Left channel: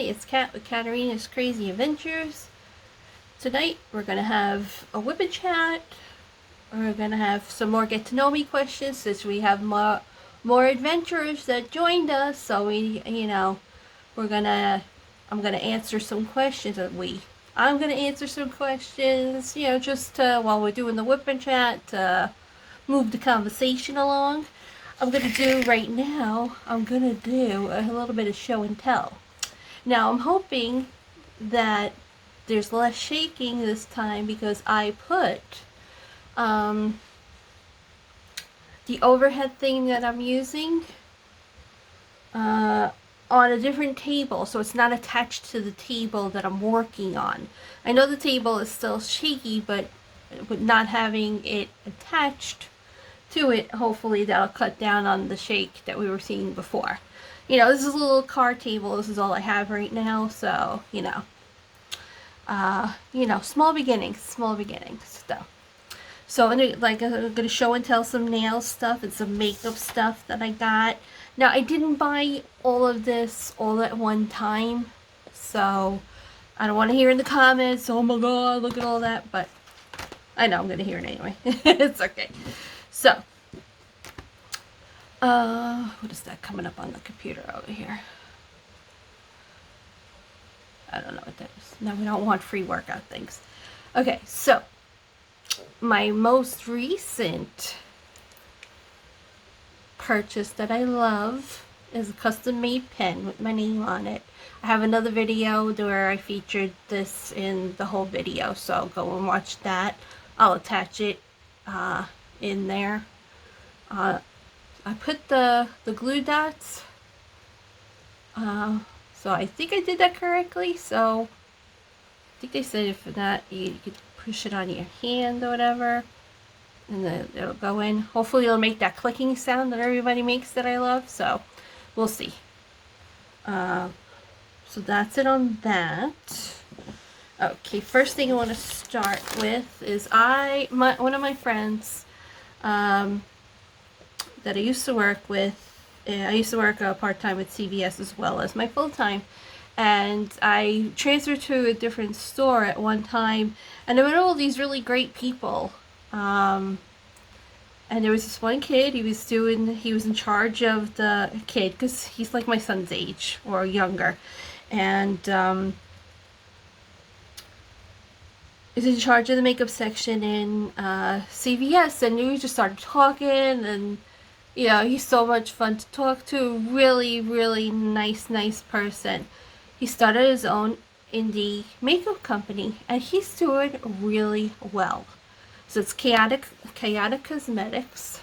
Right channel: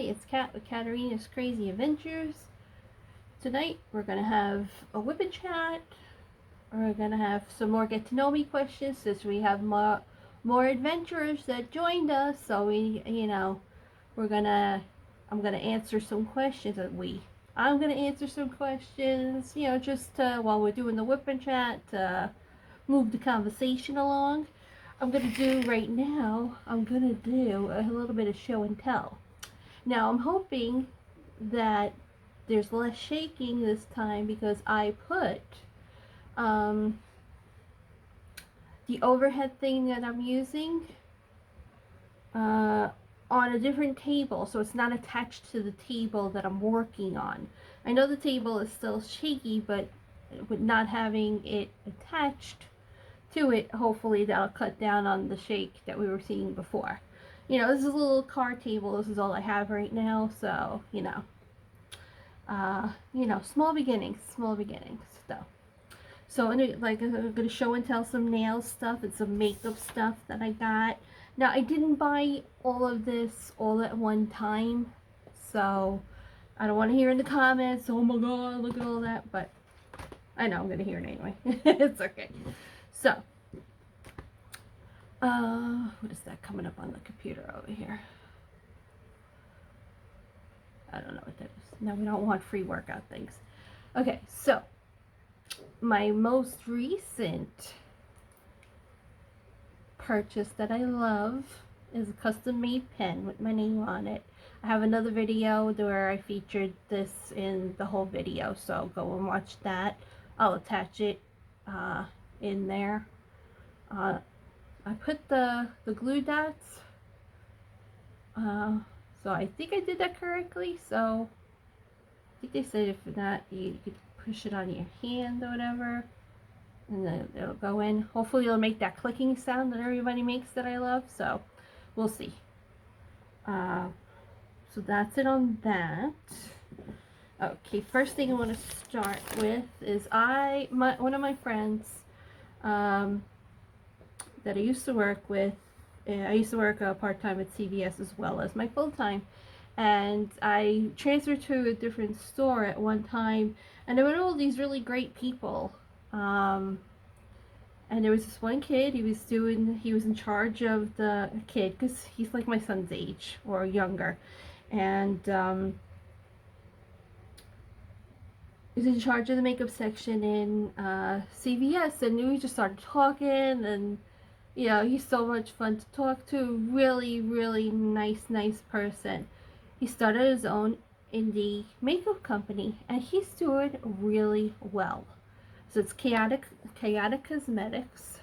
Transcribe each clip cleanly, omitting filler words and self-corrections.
everybody, it's Kat with Katarina's Crazy Adventures. Tonight we're going to have a whip and chat. We're going to have some more get to know me questions since we have more adventurers that joined us. So I'm going to answer some questions. I'm going to answer some questions, just while we're doing the whip and chat to move the conversation along. I'm going to do a little bit of show and tell. Now, I'm hoping that there's less shaking this time because I put the overhead thing that I'm using on a different table, so it's not attached to the table that I'm working on. I know the table is still shaky, but with not having it attached to it, hopefully that'll cut down on the shake that we were seeing before. This is a little card table. This is all I have right now, so small beginnings. So I'm gonna show and tell some nail stuff and some makeup stuff that I got. Now, I didn't buy all of this all at one time, so I don't want to hear in the comments, oh my god, look at all that, but I know I'm gonna hear it anyway. It's okay. So, what is that coming up on the computer over here? I don't know what that is. No, we don't want free workout things. Okay, so my most recent purchase that I love is a custom made pen with my name on it. I have another video where I featured this in the whole video, so go and watch that. I'll attach it in there. I put the glue dots, so I think I did that correctly. So I think they said for that you could push it on your hand or whatever, and then it'll go in. Hopefully it'll make that clicking sound that everybody makes that I love, so we'll see. So that's it on that. Okay, first thing I want to start with is one of my friends that I used to work with. I used to work part-time with CVS as well as my full-time, and I transferred to a different store at one time, and there were all these really great people, and there was this one kid. He was in charge of the kid because he's like my son's age or younger, and he's in charge of the makeup section in CVS, and we just started talking, and he's so much fun to talk to. Really, really nice person. He started his own indie makeup company, and he's doing really well. So it's Chaotic Cosmetics,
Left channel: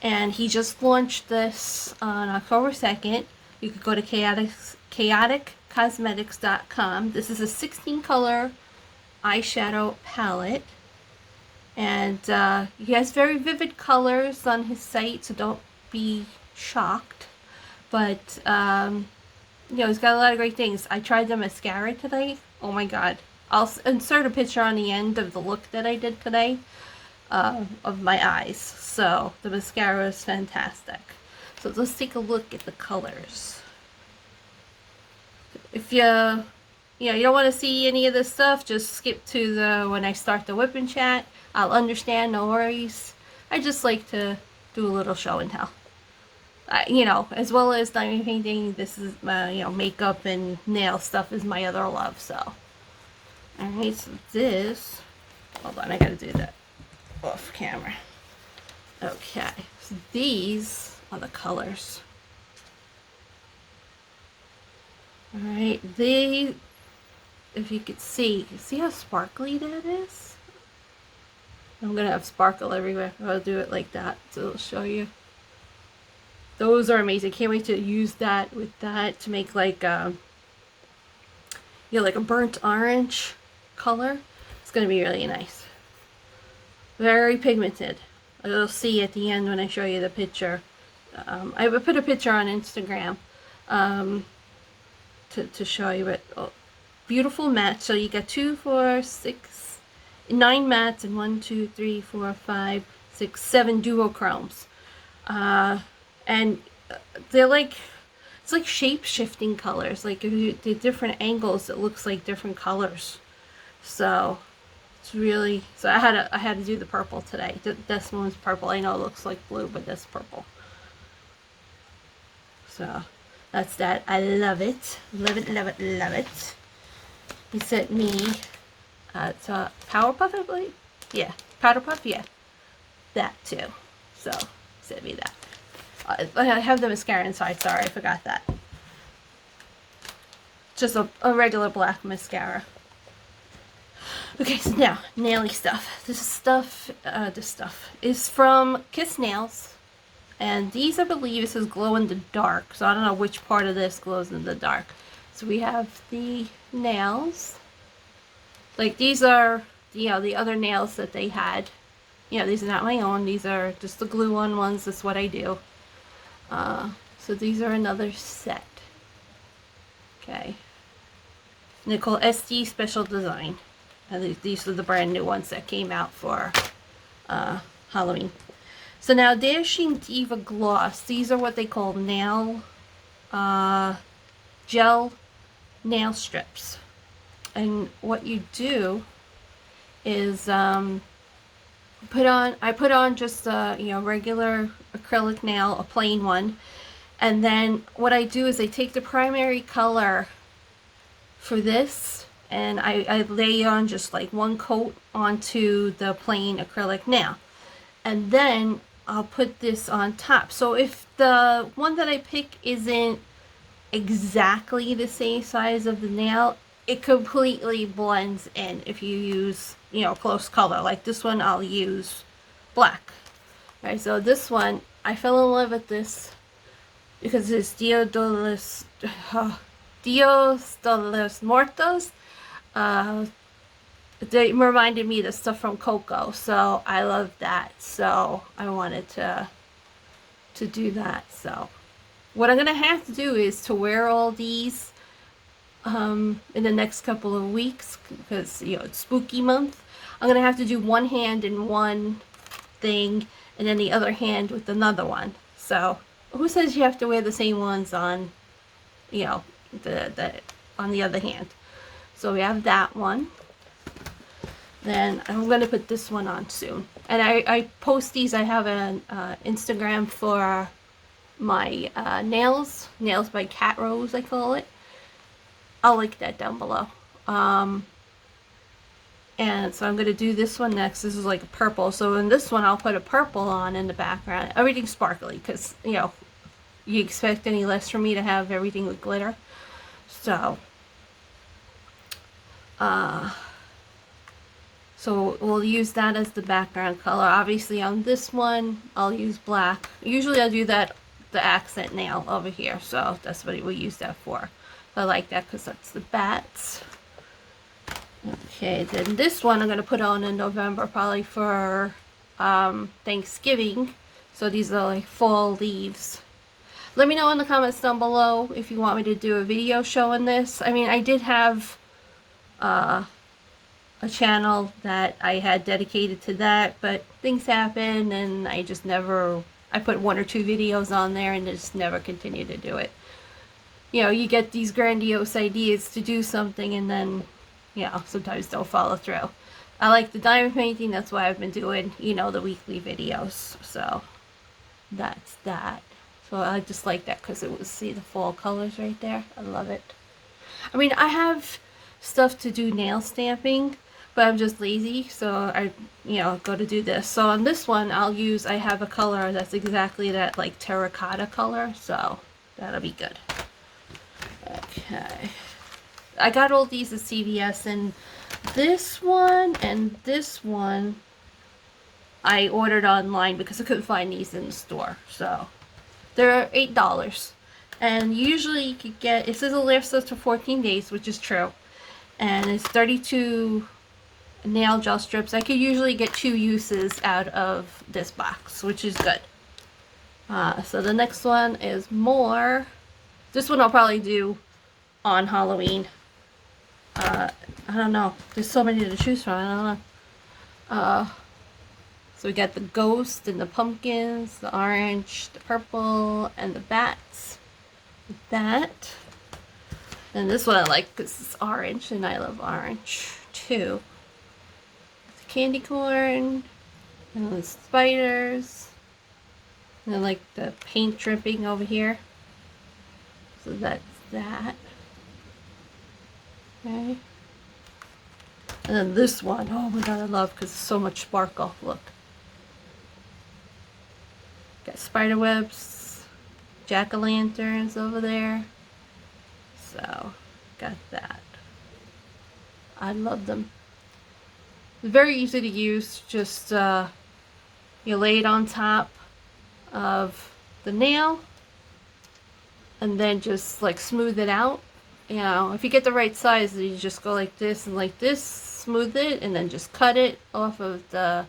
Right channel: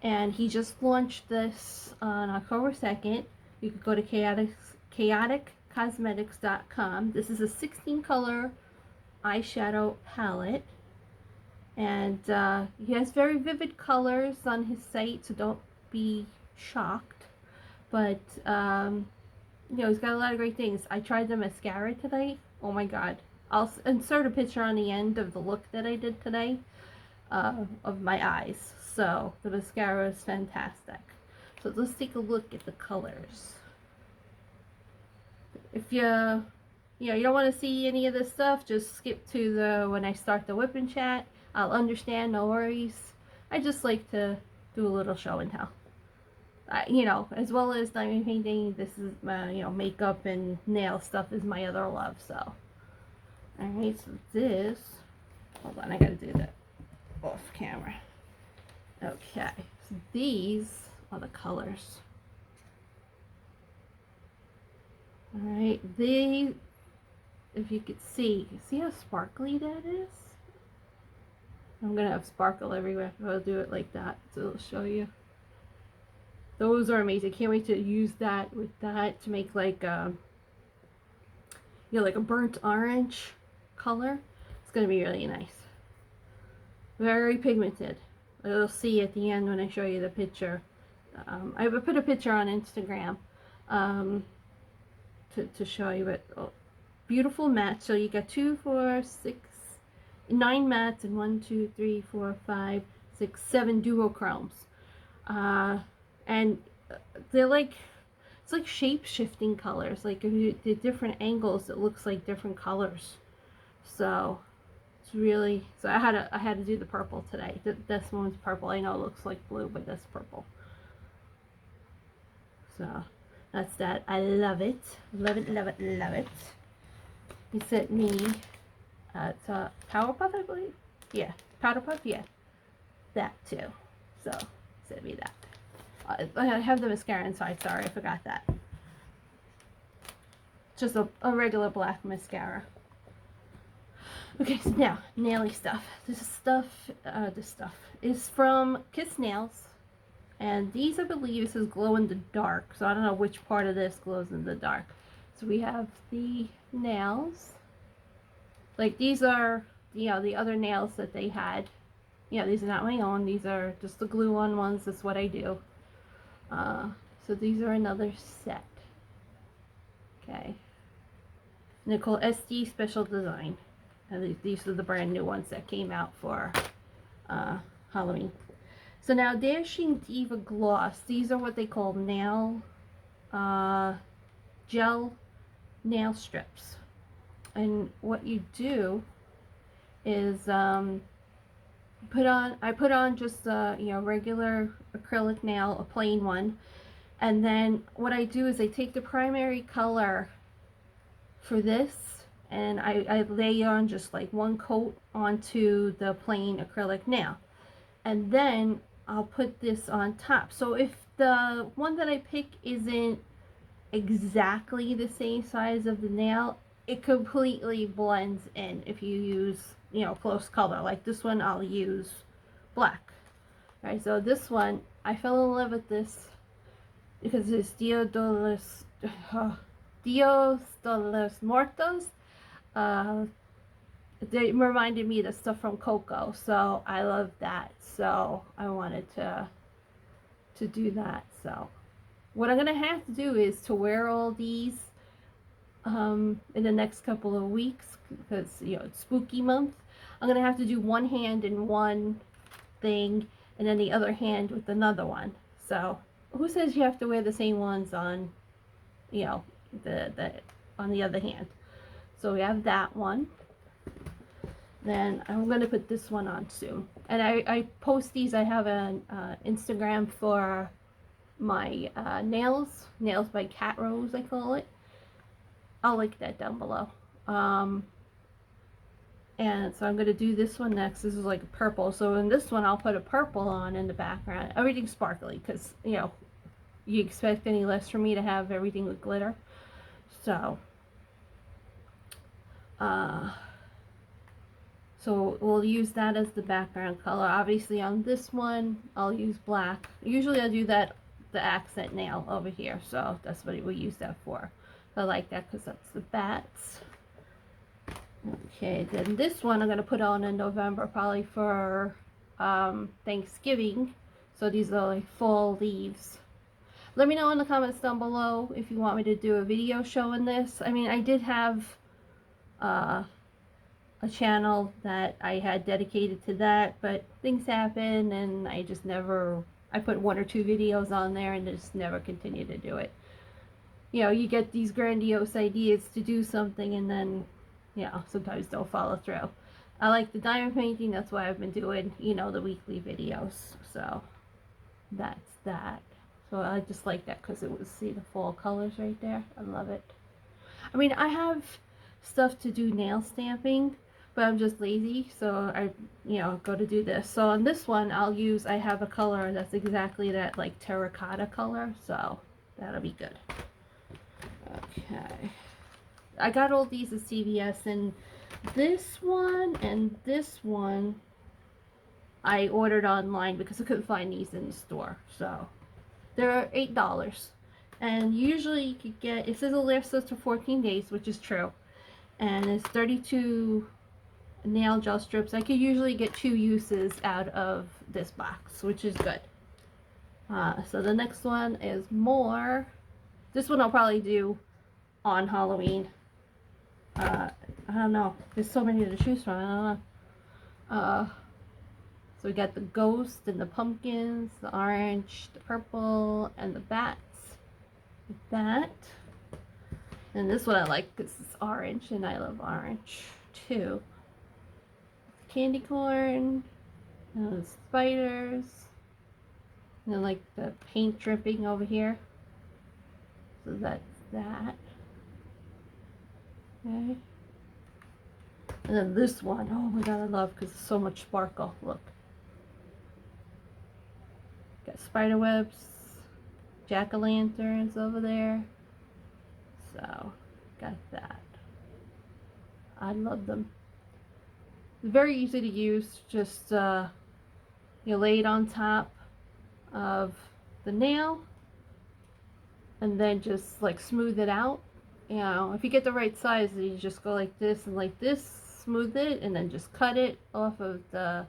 and he just launched this on October 2nd. You could go to chaoticcosmetics.com. This is a 16 color eyeshadow palette, and he has very vivid colors on his site, so don't be shocked, but he's got a lot of great things. I tried the mascara today. Oh my god, I'll insert a picture on the end of the look that I did today of my eyes. So the mascara is fantastic. So let's take a look at the colors. If you don't want to see any of this stuff, just skip to when I start the whip and chat. I'll understand, no worries. I just like to do a little show and tell. As well as diamond painting, this is makeup and nail stuff is my other love. So, alright, so this, hold on, I gotta do that off camera. Okay, so these are the colors. Alright, if you could see how sparkly that is? I'm gonna have sparkle everywhere. I'll do it like that, so it'll show you. Those are amazing. Can't wait to use that with that to make like like a burnt orange color. It's gonna be really nice. Very pigmented. You'll see at the end when I show you the picture. I will put a picture on Instagram to show you it. Oh, beautiful matte. So you got 2, 4, 6, 9 mattes and 1, 2, 3, 4, 5, 6, 7 duochromes. And they're like it's like shape-shifting colors. Like if you do different angles, it looks like different colors. So it's really, so I had to do the purple today. This one's purple. I know it looks like blue, but that's purple. So that's that. I love it. Love it, love it, love it. He sent me it's a Powerpuff, I believe. Yeah, Powder Puff, yeah. That too. So sent me that. I have the mascara inside, sorry, I forgot that. Just a regular black mascara. Okay, so now, naily stuff. This stuff is from Kiss Nails. And these, I believe, this is glow in the dark. So I don't know which part of this glows in the dark. So we have the nails. Like these are, you know, the other nails that they had. You know, these are not my own. These are just the glue on ones. That's what I do. So these are another set. Okay. And they're called SD Special Design. And these are the brand new ones that came out for Halloween. So now Dashing Diva Gloss. These are what they call nail gel nail strips. And what you do is I put on just a, you know, regular acrylic nail, a plain one. And then what I do is I take the primary color for this and I lay on just like one coat onto the plain acrylic nail. And then I'll put this on top. So if the one that I pick isn't exactly the same size of the nail, it completely blends in if you use, you know, close color. Like this one, I'll use black. All right, so this one, I fell in love with this because it's Dios de los Muertos. They reminded me of the stuff from Coco, so I love that. So I wanted to do that. So what I'm gonna have to do is to wear all these in the next couple of weeks because, you know, it's spooky month. I'm gonna have to do one hand in one thing and then the other hand with another one. So who says you have to wear the same ones on, you know, the on the other hand? So we have that one. Then I'm going to put this one on soon. And I post these. I have an Instagram for my nails by Cat Rose, I call it. I'll link that down below. And so I'm going to do this one next. This is like a purple. So in this one, I'll put a purple on in the background. Everything's sparkly because, you know, you expect any less from me to have everything with glitter. So, so we'll use that as the background color. Obviously on this one, I'll use black. Usually I'll do that, the accent nail over here. So that's what we'll use that for. I like that because that's the bats. Okay, then this one I'm going to put on in November, probably for Thanksgiving. So these are like fall leaves. Let me know in the comments down below if you want me to do a video showing this. I mean, I did have a channel that I had dedicated to that, but things happen and I just never, I put 1 or 2 videos on there and just never continued to do it. You know, you get these grandiose ideas to do something and then, you know, sometimes don't follow through. I like the diamond painting, that's why I've been doing, you know, the weekly videos. So that's that. So I just like that because it was, see the fall colors right there. I love it. I mean, I have stuff to do nail stamping, but I'm just lazy, so I, you know, go to do this. So on this one, I'll use, I have a color that's exactly that, like terracotta color, so that'll be good. Okay. I got all these at CVS, and this one and this one I ordered online because I couldn't find these in the store. So they're $8. And usually you could get, it says it lasts us for 14 days, which is true. And it's 32 nail gel strips. I could usually get 2 uses out of this box, which is good. So the next one is more. This one I'll probably do on Halloween. I don't know. There's so many to choose from. I don't know. So we got the ghost and the pumpkins, the orange, the purple, and the bats. that. And this one I like because it's orange, and I love orange too. The candy corn, and the spiders, and I like the paint dripping over here. So that's that. Okay. And then this one, oh my god, I love because it's so much sparkle. Look. Got spider webs, jack-o'-lanterns over there. So, got that. I love them. It's very easy to use. Just you lay it on top of the nail and then just like smooth it out. You know, if you get the right size, you just go like this and like this, smooth it, and then just cut it off of the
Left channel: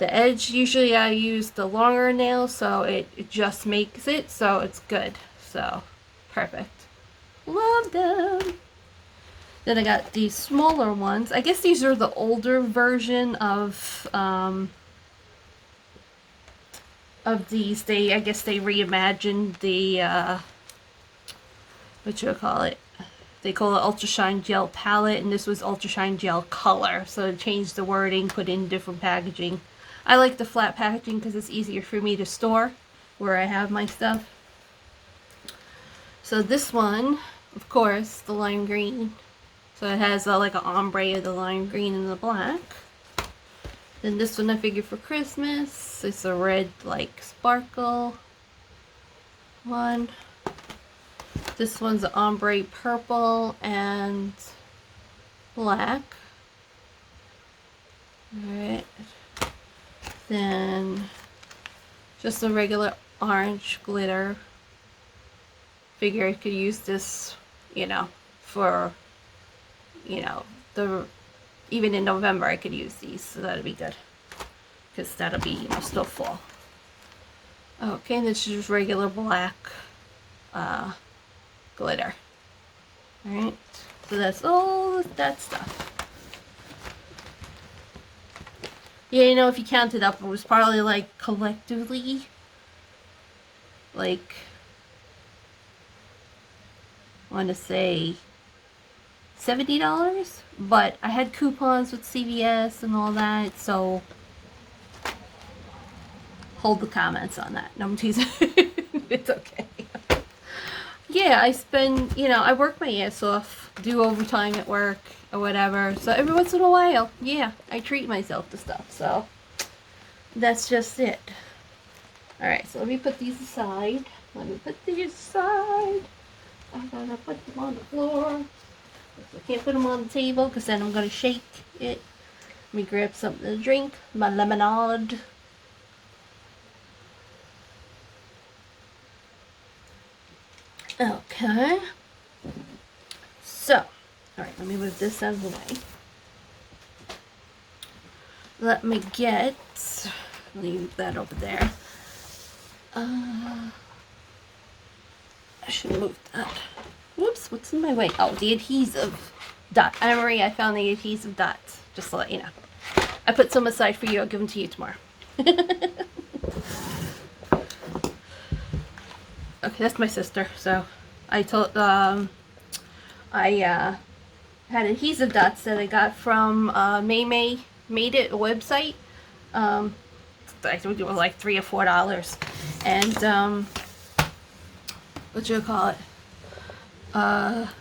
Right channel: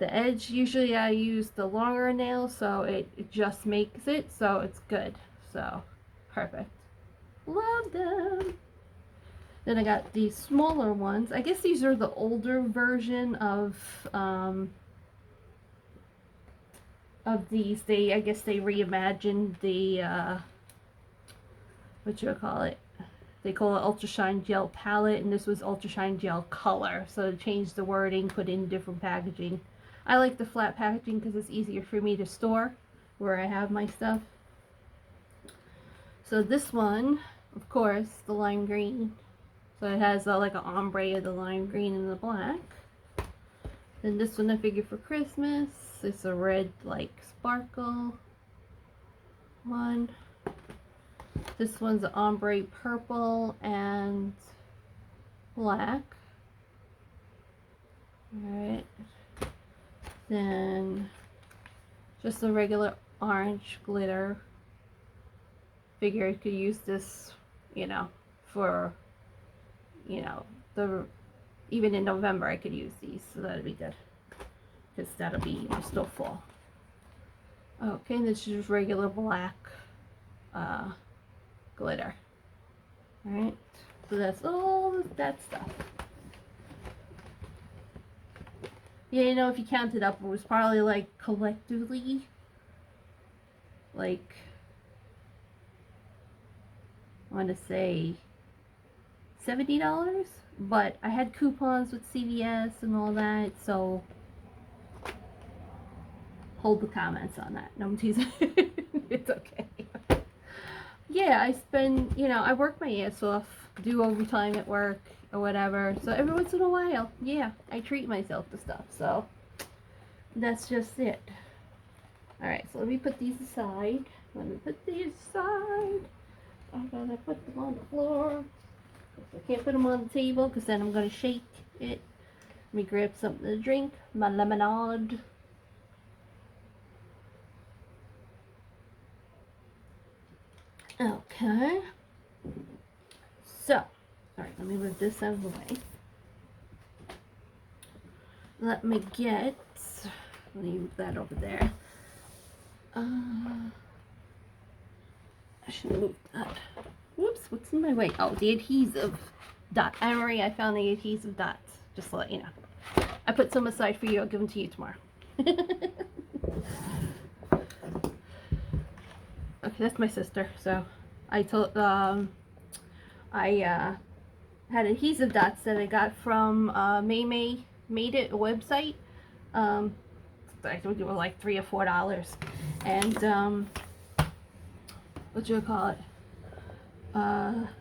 edge. Usually I use the longer nail, so it just makes it so it's good. So perfect. Love them. Then I got these smaller ones. I guess these are the older version of these. I guess they reimagined the what you call it. They call it Ultra Shine Gel Palette, and this was Ultra Shine Gel Color. So it changed the wording, put in different packaging. I like the flat packaging because it's easier for me to store where I have my stuff. So this one, of course, the lime green. So it has like an ombre of the lime green and the black. Then this one I figured for Christmas. It's a red like sparkle one. This one's an ombre purple and black. Alright. Then just a regular orange glitter. Figure I could use this, you know, for, you know, even in November I could use these, so that'd be good. Because that'll be, you know, still fall. Okay, and this is just regular black glitter. Alright, so that's all that stuff. Yeah, you know, if you count it up, it was probably like collectively, like, I want to say $70, but I had coupons with CVS and all that, so hold the comments on that. No, I'm teasing. It's okay. Yeah, I spend, you know, I work my ass off, do overtime at work or whatever, so every once in a while, yeah, I treat myself to stuff, so that's just it. Alright, so let me put these aside. I gotta put them on the floor. I can't put them on the table because then I'm gonna shake it. Let me grab something to drink, my lemonade. Okay. So, alright, let me move this out of the way. Let me get, leave that over there. I should move that. Whoops, what's in my way? Oh, the adhesive dot. Anne-Marie, I found the adhesive dots. Just to let you know. I put some aside for you. I'll give them to you tomorrow. Okay, that's my sister. So, I told, I had adhesive dots that I got from May Made It, a website. I told you it was like $3 or $4. And, what you call it?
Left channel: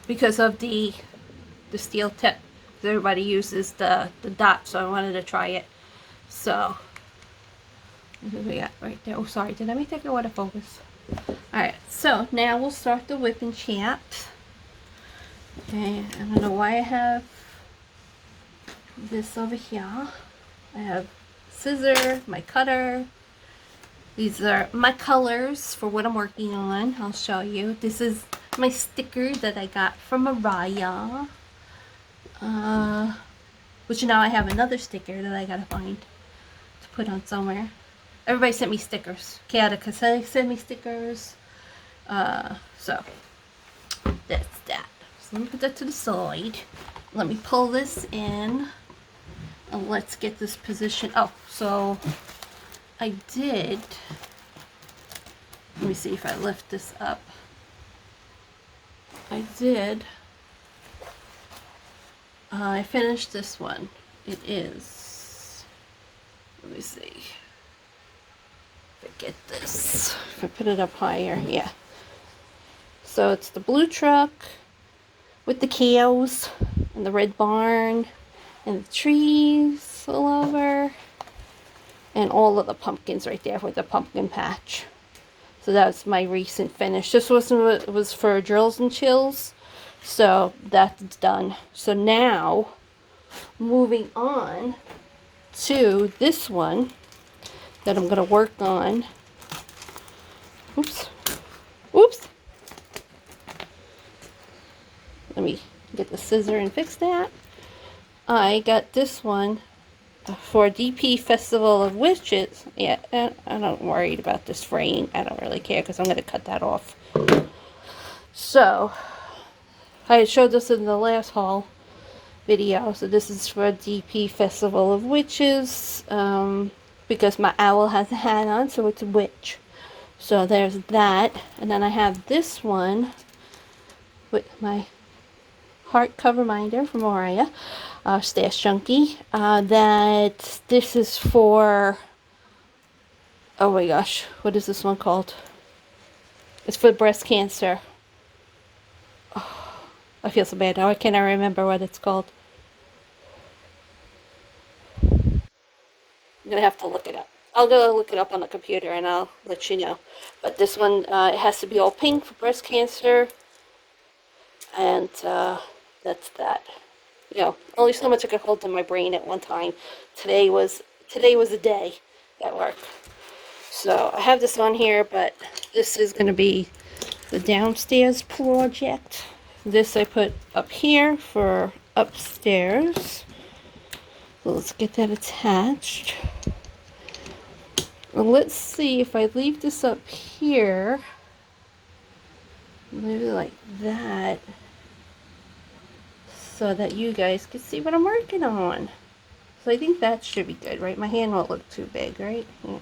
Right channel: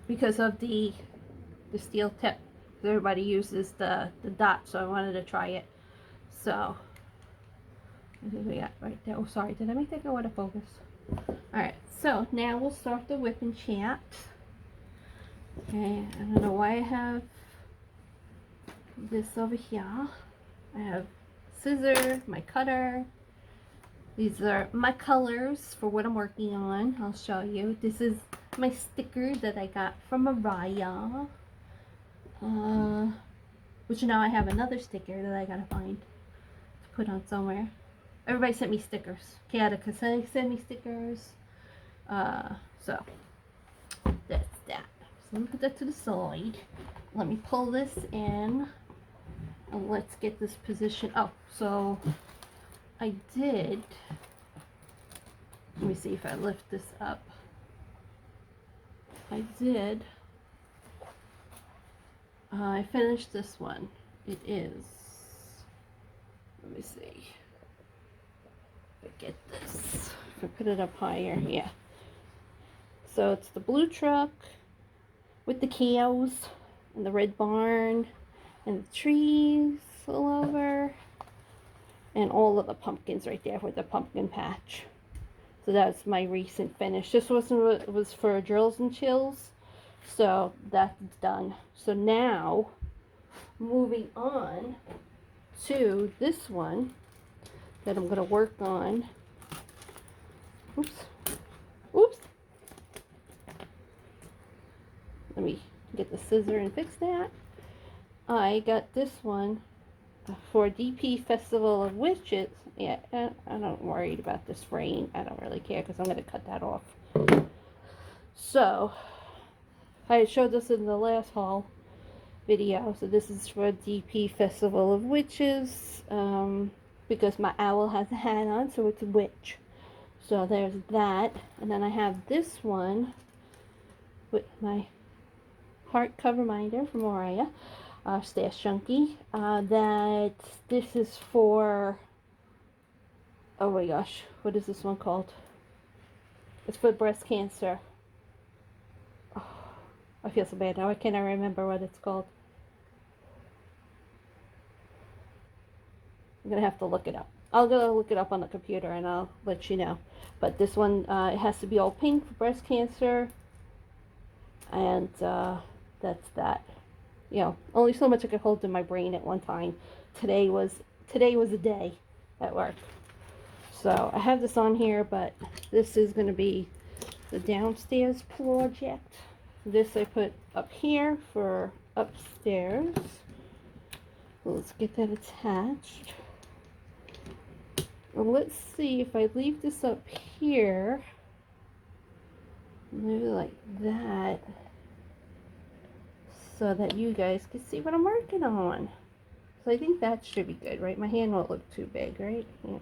Because of the steel tip. Everybody uses the dot, so I wanted to try it. So, what do we got right there? Oh, sorry, did I make that go out of focus? Alright, so now we'll start the whip and chat. Okay, I don't know why I have this over here. I have scissor, my cutter. These are my colors for what I'm working on. I'll show you. This is my sticker that I got from Mariah. Which now I have another sticker that I gotta find to put on somewhere. Everybody sent me stickers. Katica sent me stickers. So that's that. So let me put that to the side. Let me pull this in. And let's get this position. Oh, so I did. Let me see if I lift this up. I did. I finished this one. It is, let me see if I get this, if I put it up higher, yeah. So it's the blue truck with the cows and the red barn and the trees all over and all of the pumpkins right there with the pumpkin patch. So that's my recent finish. This was for Drills and Chills, so that's done. So now moving on to this one that I'm going to work on. Oops. Oops. Let me get the scissor and fix that. I got this one for DP Festival of Witches. Yeah, I'm not worried about this fraying. I don't really care because I'm going to cut that off. So, I showed this in the last haul video. So this is for DP Festival of Witches. Because my owl has a hat on, so it's a witch. So there's that. And then I have this one with my heart cover minder from Mariah. Stash Junkie. That this is for, oh my gosh, what is this one called? It's for breast cancer. Oh, I feel so bad now. I cannot remember what it's called. I'm gonna have to look it up. I'll go look it up on the computer and I'll let you know. But this one, it has to be all pink for breast cancer. And that's that. You know, only so much I could hold in my brain at one time. Today was a day that worked. So I have this on here, but this is going to be the downstairs project. This I put up here for upstairs. So let's get that attached. Well, let's see if I leave this up here, maybe like that, so that you guys can see what I'm working on. So I think that should be good, right? My hand won't look too big, right? Yeah.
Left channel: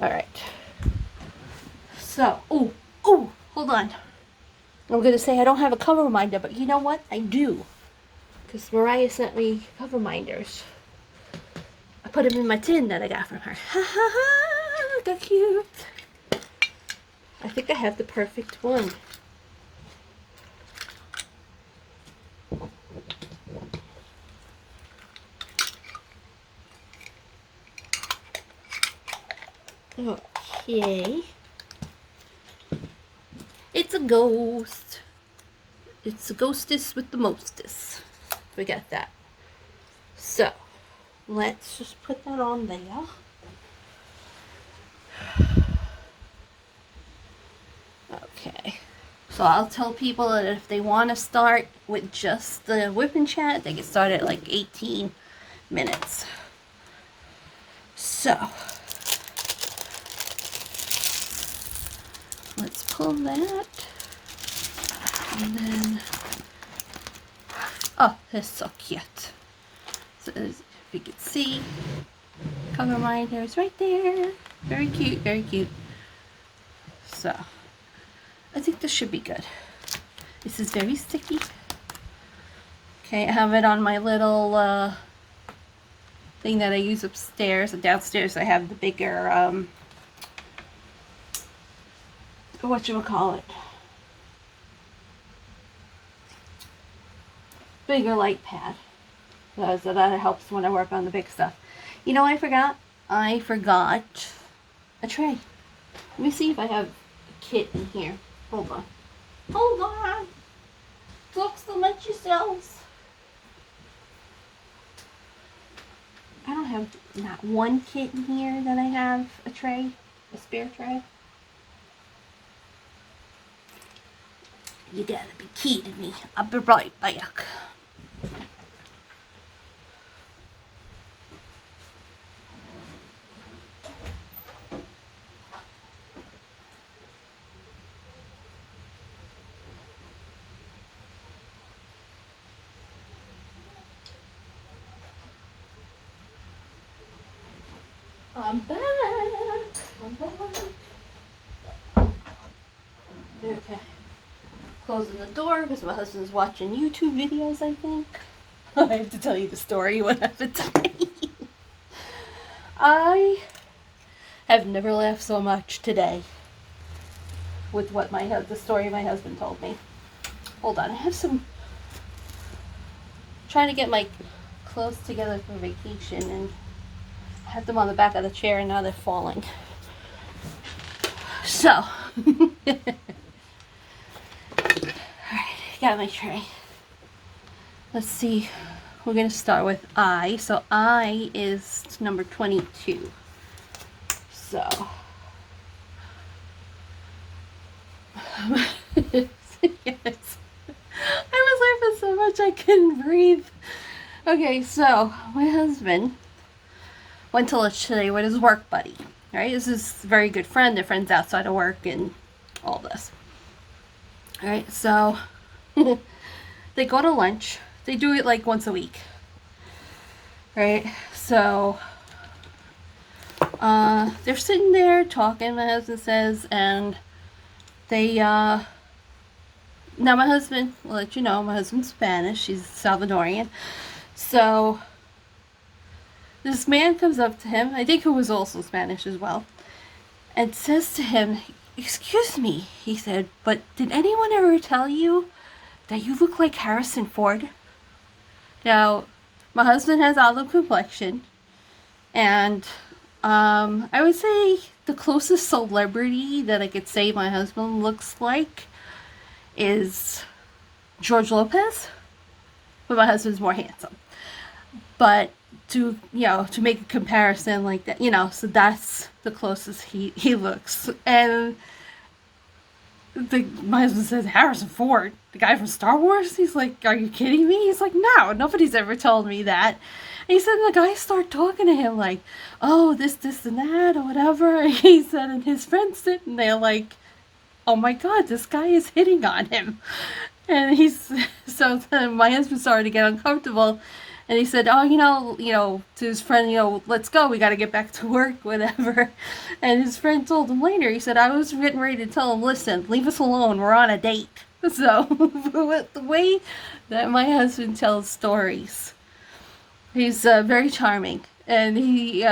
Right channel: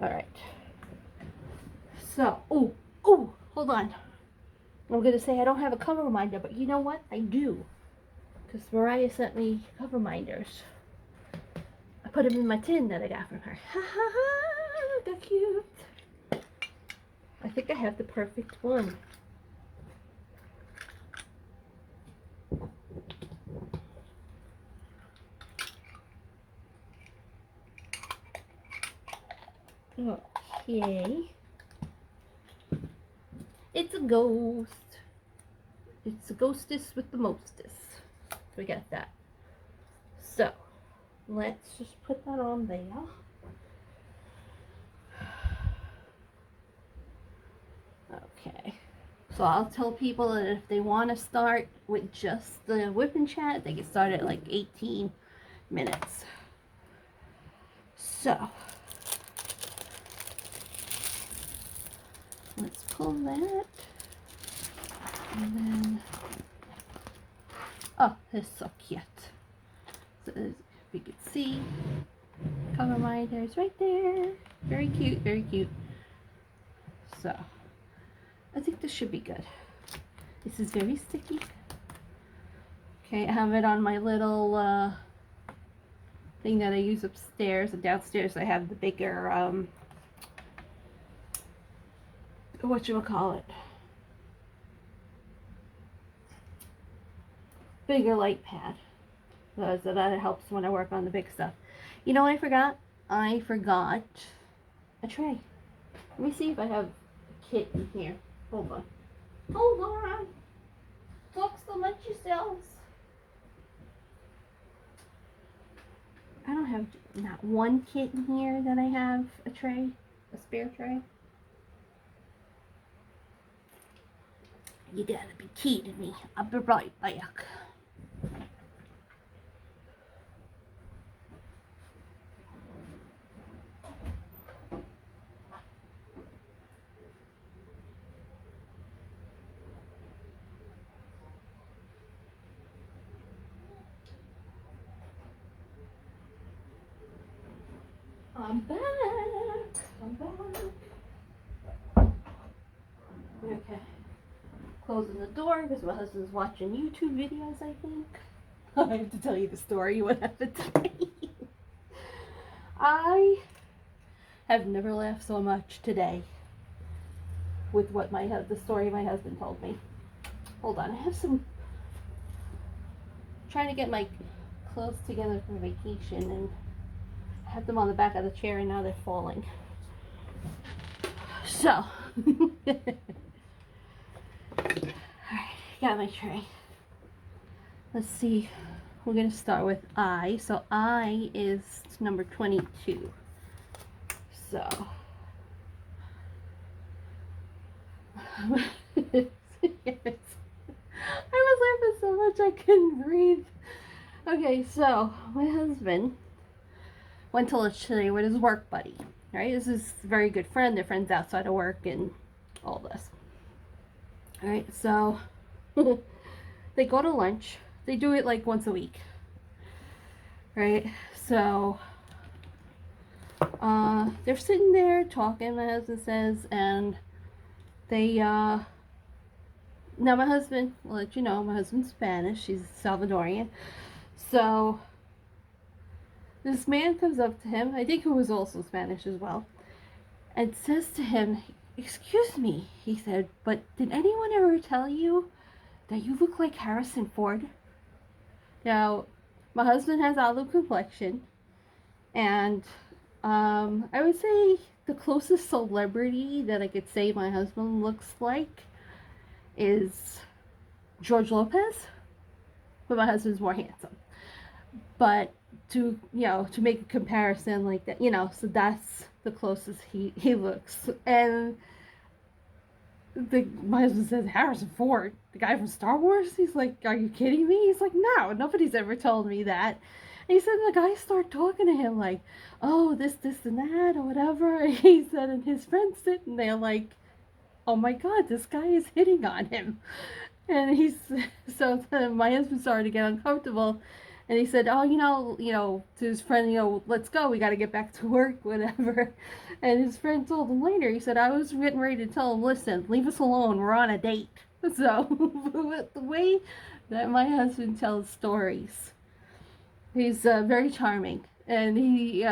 All right. So, oh, hold on. I'm going to say I don't have a cover minder, but you know what? I do. Because Mariah sent me cover minders. I put them in my tin that I got from her. Ha ha ha, look how cute. I think I have the perfect one. Okay. It's a ghost. It's a ghostess with the mostest. We got that. So, let's just put that on there. Okay. So I'll tell people that if they want to start with just the whip and chat, they can start at like 18 minutes. So, let's pull that. And then, oh, that's so cute. So if you can see, cover minder is right there. Very cute, very cute. So, I think this should be good. This is very sticky. Okay, I have it on my little thing that I use upstairs. And downstairs I have the bigger, whatchamacallit? Bigger light pad. So that helps when I work on the big stuff. You know what I forgot? I forgot a tray. Let me see if I have a kit in here. Hold on. Hold on. Talk so much yourselves. I don't have not one kit in here that I have a tray, a spare tray. You gotta be kidding me. I'll be right back. I'm back. I'm back. Okay. closing the door because my husband's watching YouTube videos, I think. I have to tell you the story, what happened today. I have never laughed so much today with what the story my husband told me. Hold on, I have some, trying to get my clothes together for vacation, and I have them on the back of the chair and now they're falling. So, alright, got my tray. Let's see, we're going to start with I. So I is number 22. So, yes. I was laughing so much I couldn't breathe. Okay, so my husband went to lunch today with his work buddy. Right, this is a very good friend. They're friends outside of work and all this. All right, so they go to lunch. They do it like once a week. Right, so they're sitting there talking, my husband says, and they now my husband, I'll let you know, my husband's Spanish. He's Salvadorian. So this man comes up to him, I think who was also Spanish as well, and says to him, "Excuse me," he said, "but did anyone ever tell you that you look like Harrison Ford?" Now, my husband has olive complexion, and I would say the closest celebrity that I could say my husband looks like is George Lopez, but my husband's more handsome. But to make a comparison like that, so that's the closest he looks. And my husband says, "Harrison Ford, the guy from Star Wars?" He's like, "Are you kidding me?" He's like, "No, nobody's ever told me that." And he said, and the guys start talking to him like, "Oh, this and that," or whatever. And he said, and his friends sitting there like, "Oh my God, this guy is hitting on him." And so my husband started to get uncomfortable. And he said, "Oh, to his friend, let's go. We got to get back to work, whatever." And his friend told him later, he said, "I was getting ready to tell him, listen, leave us alone. We're on a date." So the way that my husband tells stories, he's very charming. And he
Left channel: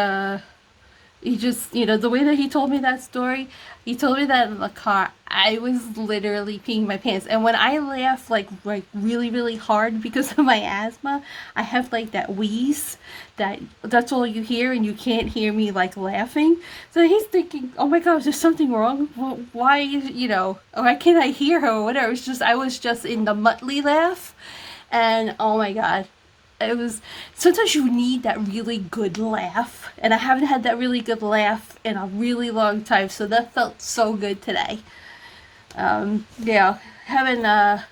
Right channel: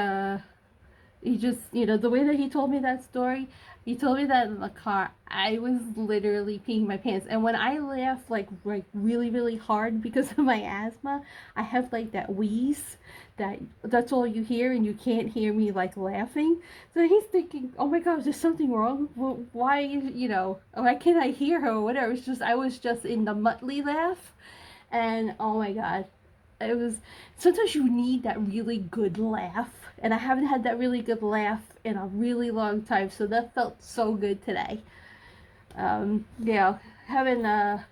just, the way that he told me that story, he told me that in the car, I was literally peeing my pants. And when I laugh like really, really hard because of my asthma, I have like that wheeze that's all you hear, and you can't hear me like laughing. So he's thinking, "Oh my God, is there something wrong? Why, why can't I hear her or whatever?" I was just in the Muttley laugh. And oh my God. Sometimes you need that really good laugh, and I haven't had that really good laugh in a really long time, so that felt so good today. Having a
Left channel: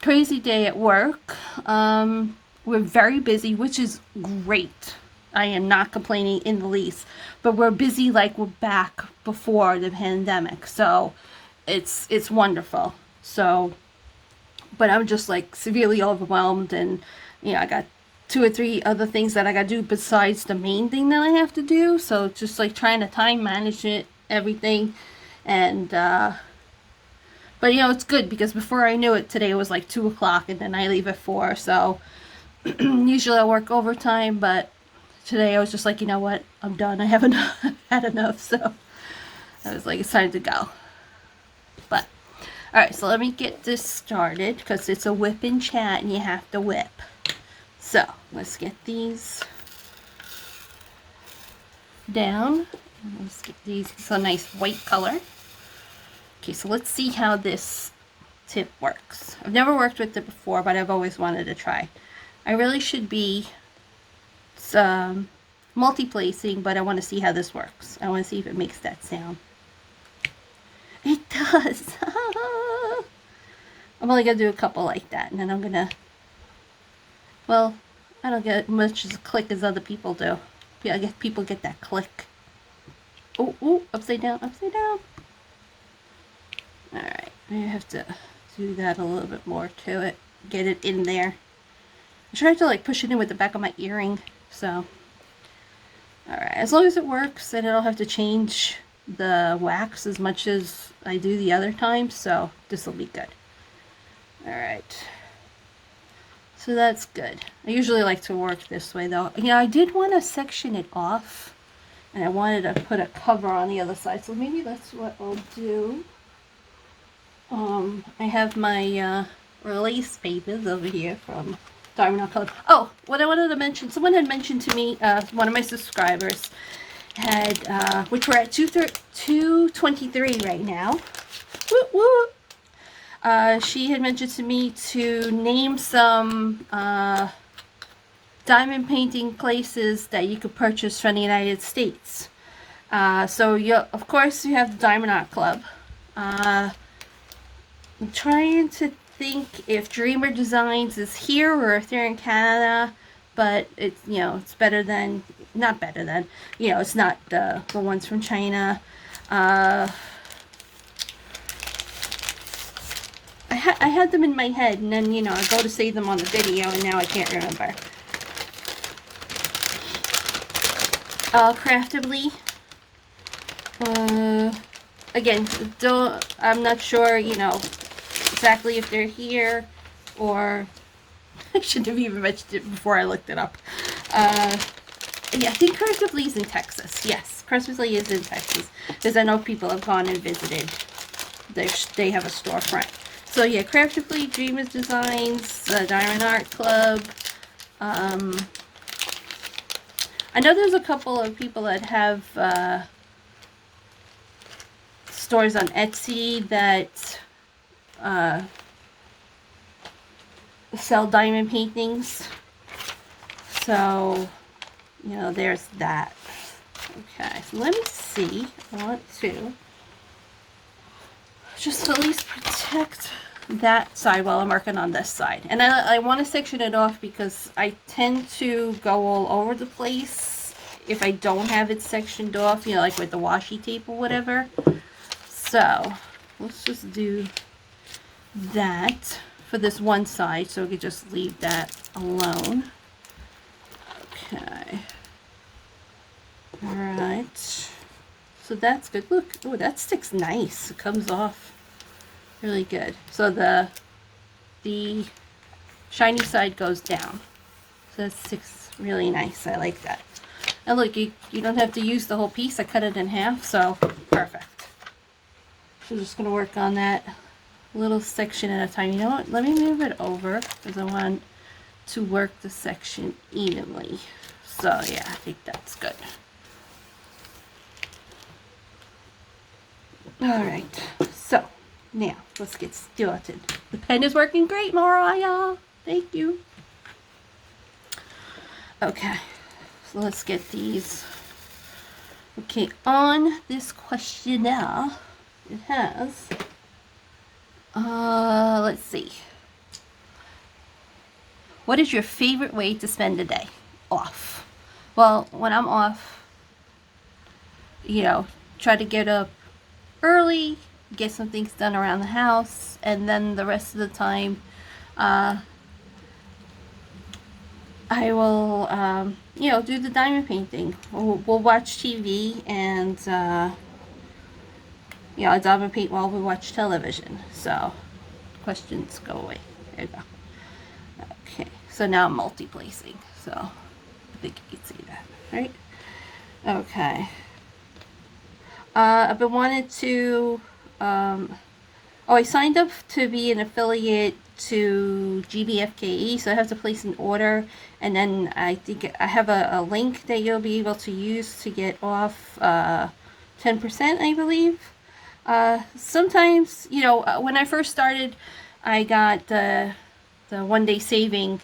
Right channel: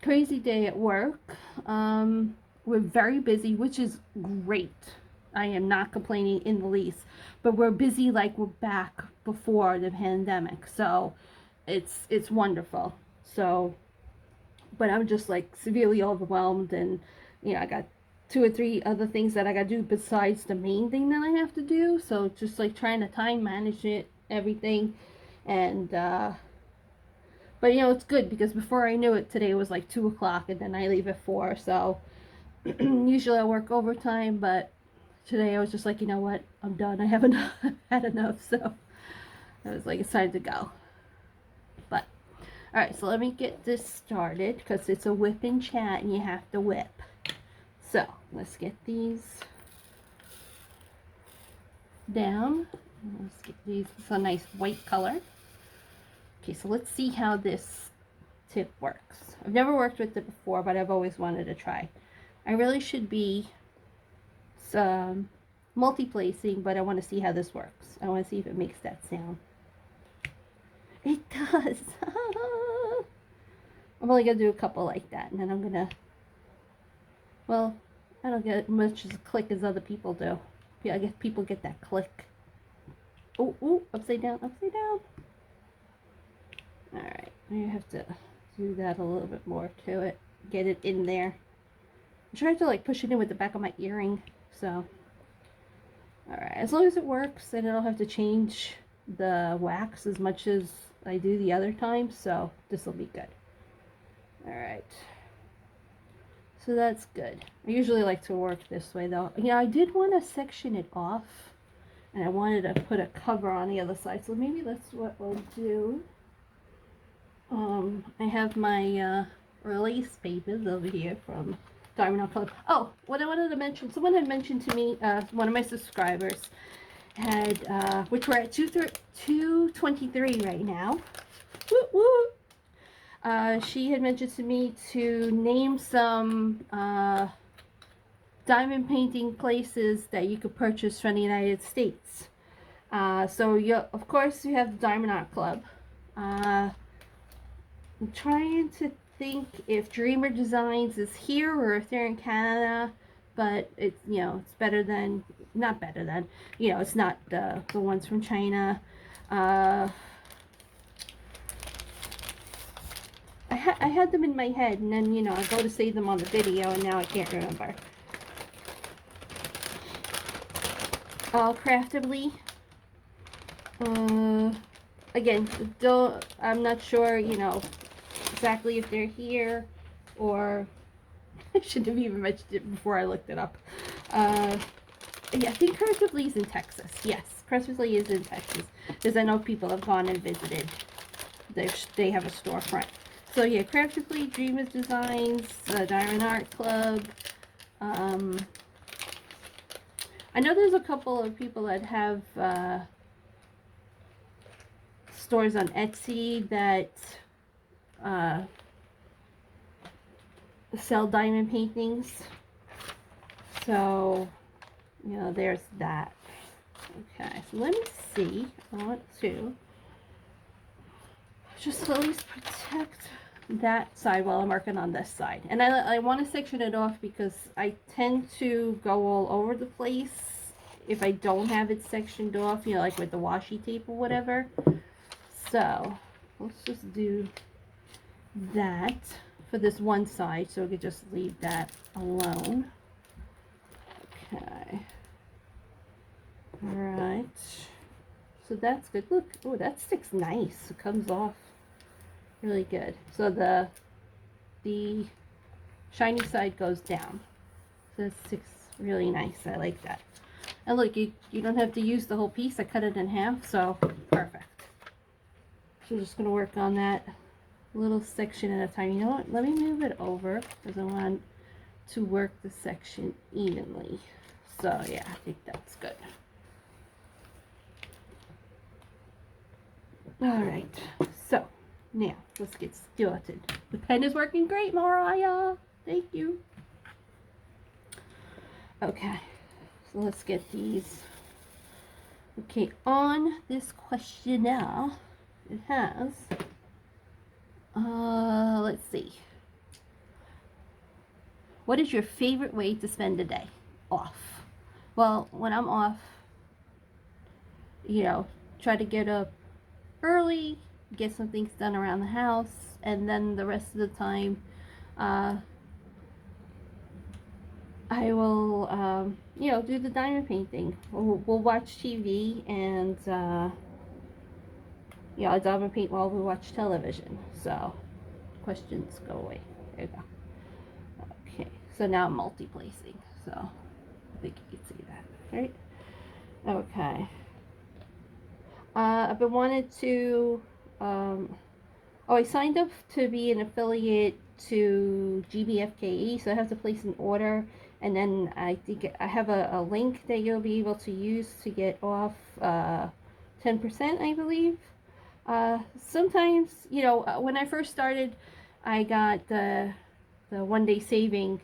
crazy day at work. We're very busy, which is great. I am not complaining in the least, but we're busy like we're back before the pandemic, so it's wonderful. So, but I'm just like severely overwhelmed, and I got 2 or 3 other things that I got to do besides the main thing that I have to do. So just like trying to time manage everything. And, but it's good because before I knew it, today it was like 2 o'clock and then I leave at 4. So usually I work overtime, but today I was just like, you know what? I'm done. I haven't had enough. So I was like, it's time to go. But, all right, so let me get this started because it's a whip and chat and you have to whip. So, let's get these down. Let's get these. It's a nice white color. Okay, so let's see how this tip works. I've never worked with it before, but I've always wanted to try. I really should be multi-placing, but I want to see how this works. I want to see if it makes that sound. It does. I'm only going to do a couple like that, and then I'm going to... Well, I don't get much as a click as other people do. I guess people get that click. Oh, upside down, upside down. Alright, I have to do that a little bit more to it. Get it in there. I tried to like push it in with the back of my earring, so. Alright, as long as it works, then I don't have to change the wax as much as I do the other time, so this will be good. All right. So that's good. I usually like to work this way though. Yeah, I did want to section it off, and I wanted to put a cover on the other side. So maybe that's what I'll do. I have my release papers over here from Diamond Art Club. Oh, what I wanted to mention, someone had mentioned to me, one of my subscribers had, which we're at 223 right now. Woo woo! She had mentioned to me to name some diamond painting places that you could purchase from the United States. So you, of course, you have the Diamond Art Club. I'm trying to think if Dreamer Designs is here or if they're in Canada, but it's, you know, it's better than, not better than, you know, it's not the ones from China. I had them in my head, and then, you know, I go to save them on the video, and now I can't remember. Craftably. Again, I'm not sure, you know, exactly if they're here, or I should have even mentioned it before I looked it up. Yeah, I think Craftably is in Texas. Yes, Craftably is in Texas, because I know people have gone and visited. They have a storefront. So yeah, Craftably, Dreamers Designs, Diamond Art Club. I know there's a couple of people that have stores on Etsy that sell diamond paintings. So, you know, there's that. Okay, so let me see. I want to just at least protect that side while I'm working on this side. And I want to section it off because I tend to go all over the place if I don't have it sectioned off, you know, like with the washi tape or whatever. So let's just do that for this one side, so we could just leave that alone. Okay. All right. So that's good. Look, oh, that sticks nice. It comes off really good. So the shiny side goes down. So that sticks really nice. I like that. And look, you don't have to use the whole piece. I cut it in half, so perfect. So just going to work on that little section at a time. You know what? Let me move it over because I want to work the section evenly. So yeah, I think that's good. All right, so now let's get started. The pen is working great, Mariah. Thank you. Okay, so let's get these. Okay, on this questionnaire, it has, let's see. What is your favorite way to spend a day off? Well, when I'm off, you know, try to get up early, get some things done around the house, and then the rest of the time, I will, you know, do the diamond painting. We'll watch TV and, you know, I diamond paint while we watch television. So, questions go away. There you go. Okay, so now I'm multi-placing. So, I think you can see that, right? Okay. I've been wanted to, I signed up to be an affiliate to GBFKE, so I have to place an order, and then I think I have a link that you'll be able to use to get off 10%, I believe. Sometimes, you know, when I first started, I got the one-day saving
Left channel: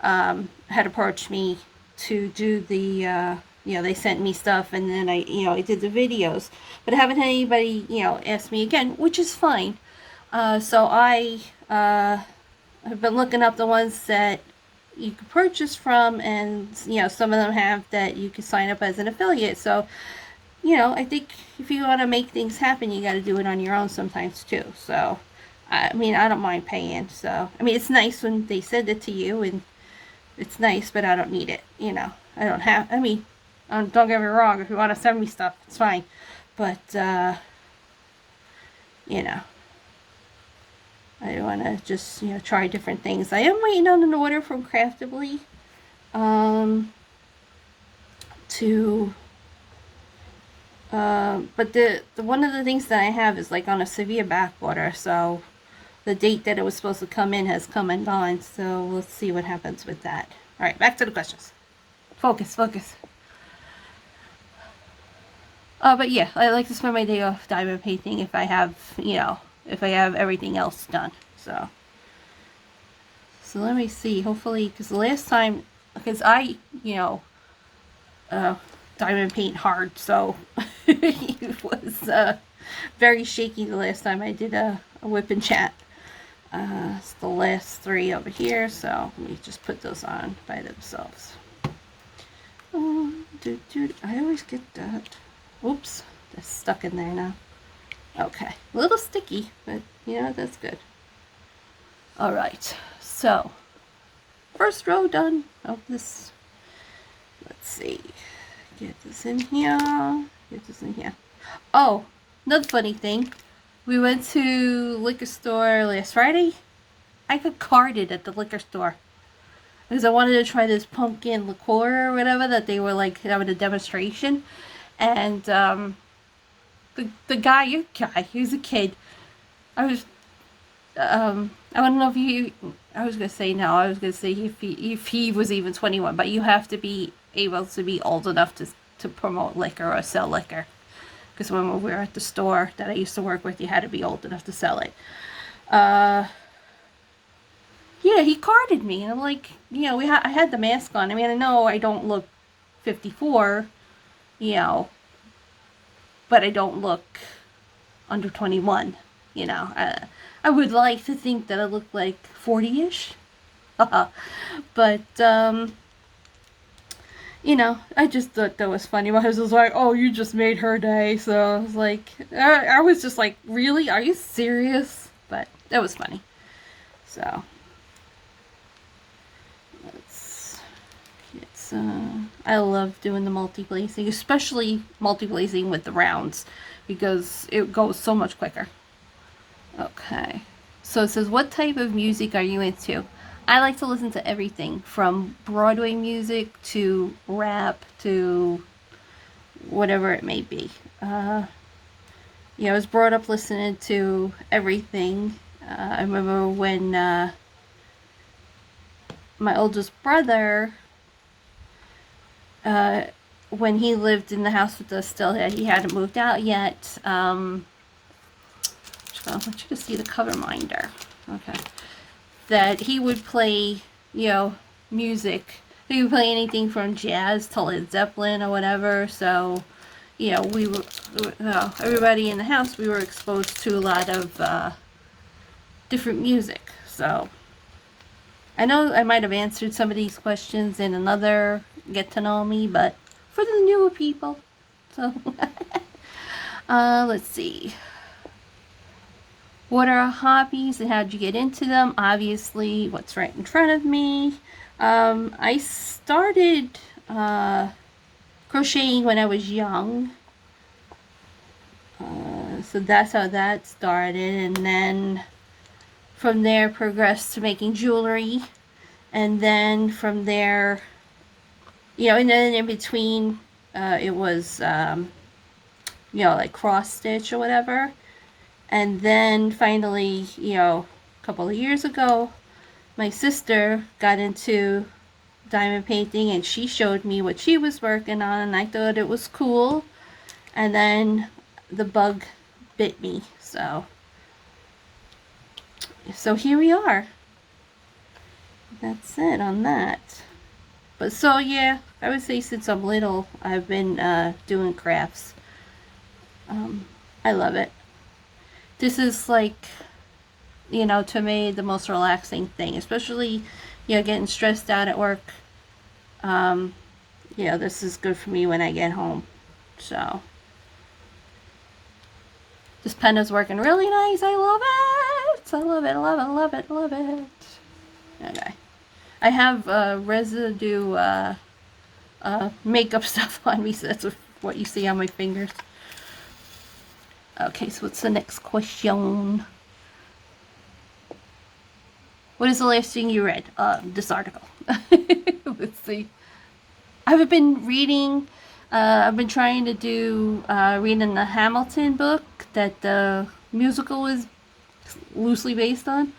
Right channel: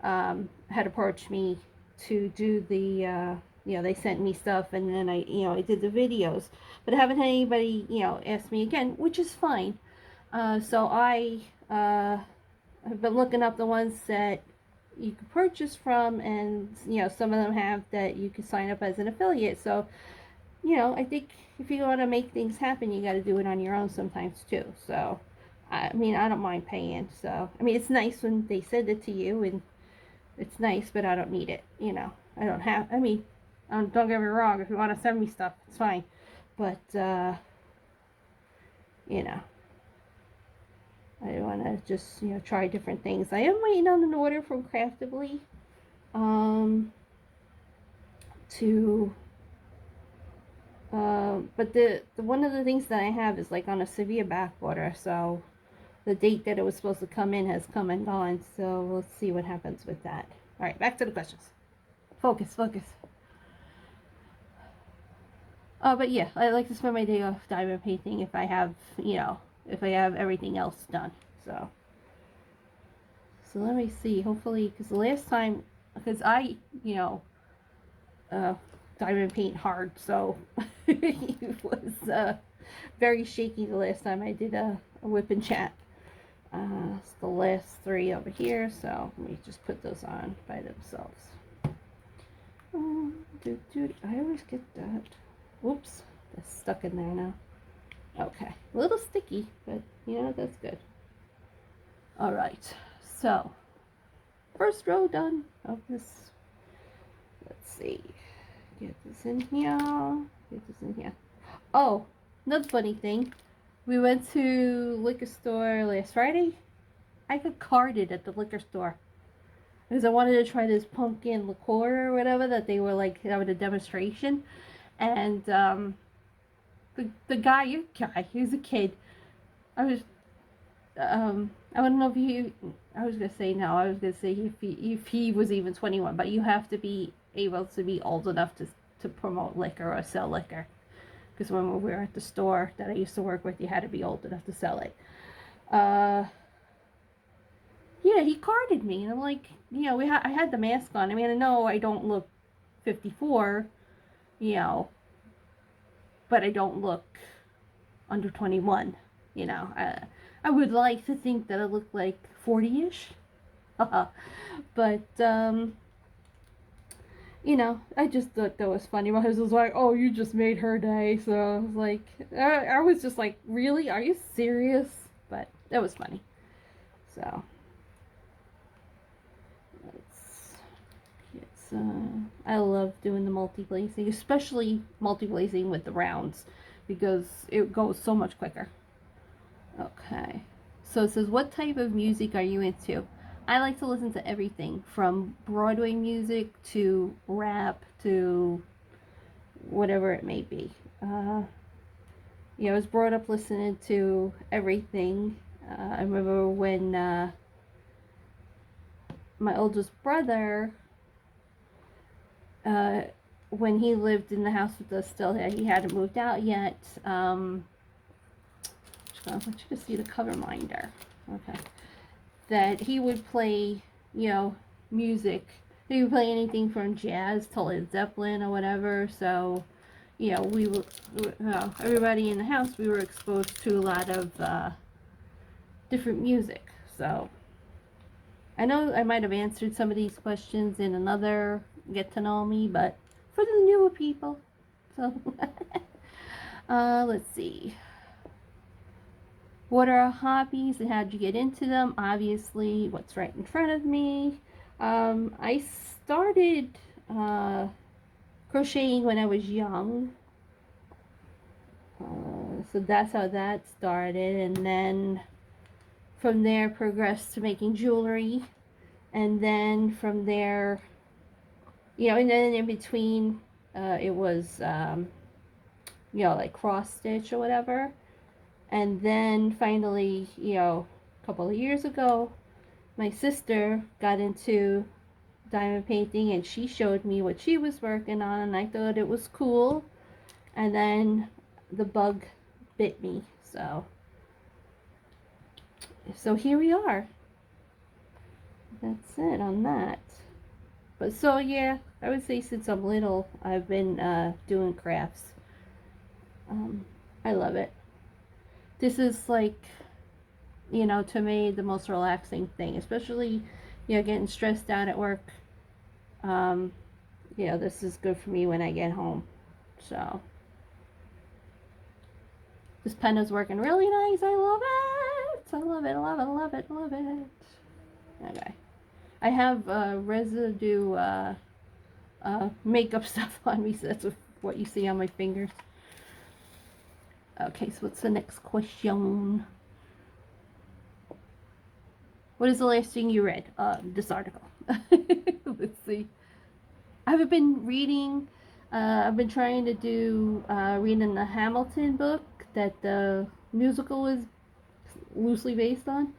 had approached me to do the, you know, they sent me stuff, and then I did the videos, but I haven't had anybody, you know, ask me again, which is fine. So I have been looking up the ones that you can purchase from, and, you know, some of them have that you can sign up as an affiliate. So, you know, I think if you want to make things happen, you got to do it on your own sometimes too. So, I mean, I don't mind paying. So, I mean, it's nice when they send it to you, and it's nice, but I don't need it, you know. I don't have, I mean, don't get me wrong, if you want to send me stuff, it's fine. But, you know. I want to just, try different things. I am waiting on an order from Craftably to but the one of the things that I have is like on a severe back order, so the date that it was supposed to come in has come and gone, so we'll see what happens with that. All right, back to the questions. Focus, focus. But yeah, I like to spend my day off diamond painting if I have, if I have everything else done. So let me see. Hopefully, because the last time, because I, diamond paint hard, so it was very shaky the last time I did a whip and chat. It's the last 3 over here, so let me just put those on by themselves. I always get that. Oops, that's stuck in there now. Okay, a little sticky, but that's good. All right, so first row done of this. Let's see, get this in here, get this in here. Oh, another funny thing, we went to liquor store last Friday. I got carded at the liquor store because I wanted to try this pumpkin liqueur or whatever that they were like having a demonstration, and the guy, he was a kid. I don't know if he, I was gonna say no, I was gonna say if he was even 21, but you have to be able to be old enough to promote liquor or sell liquor. Because when we were at the store that I used to work with, you had to be old enough to sell it. Yeah, he carded me, and I'm like, I had the mask on. I mean, I know I don't look 54, but I don't look under 21, I would like to think that I look like 40-ish. But, I just thought that was funny. My husband was like, oh, you just made her day. So I was like, I was just like, really? Are you serious? But that was funny. So, I love doing the multi-glazing, especially multi-glazing with the rounds, because it goes so much quicker. Okay, so it says, what type of music are you into? I like to listen to everything from Broadway music to rap to whatever it may be. I was brought up listening to everything. I remember when my oldest brother, when he lived in the house with us still, he hadn't moved out yet. I want you to see the cover minder. Okay. That he would play, music. He would play anything from jazz to Led Zeppelin or whatever. So, we were, everybody in the house, we were exposed to a lot of different music. So, I know I might have answered some of these questions in another Get to Know Me, but for the newer people. So, let's see. What are our hobbies and how did you get into them? Obviously, what's right in front of me. I started crocheting when I was young. So that's how that started. And then from there progressed to making jewelry. And then from there, and then in between, it was, like cross stitch or whatever. And then finally, a couple of years ago, my sister got into diamond painting and she showed me what she was working on, and I thought it was cool. And then the bug bit me. So here we are. That's it on that. But so yeah, I would say since I'm little, I've been doing crafts. I love it. This is like, to me, the most relaxing thing, especially, getting stressed out at work. This is good for me when I get home. So, this pen is working really nice. I love it. I love it. I love it. I love it. I love it. Okay. I have residue makeup stuff on me, so that's what you see on my fingers. Okay, so what's the next question? What is the last thing you read? This article. Let's see. I've been reading. I've been trying to do reading the Hamilton book that the musical is loosely based on.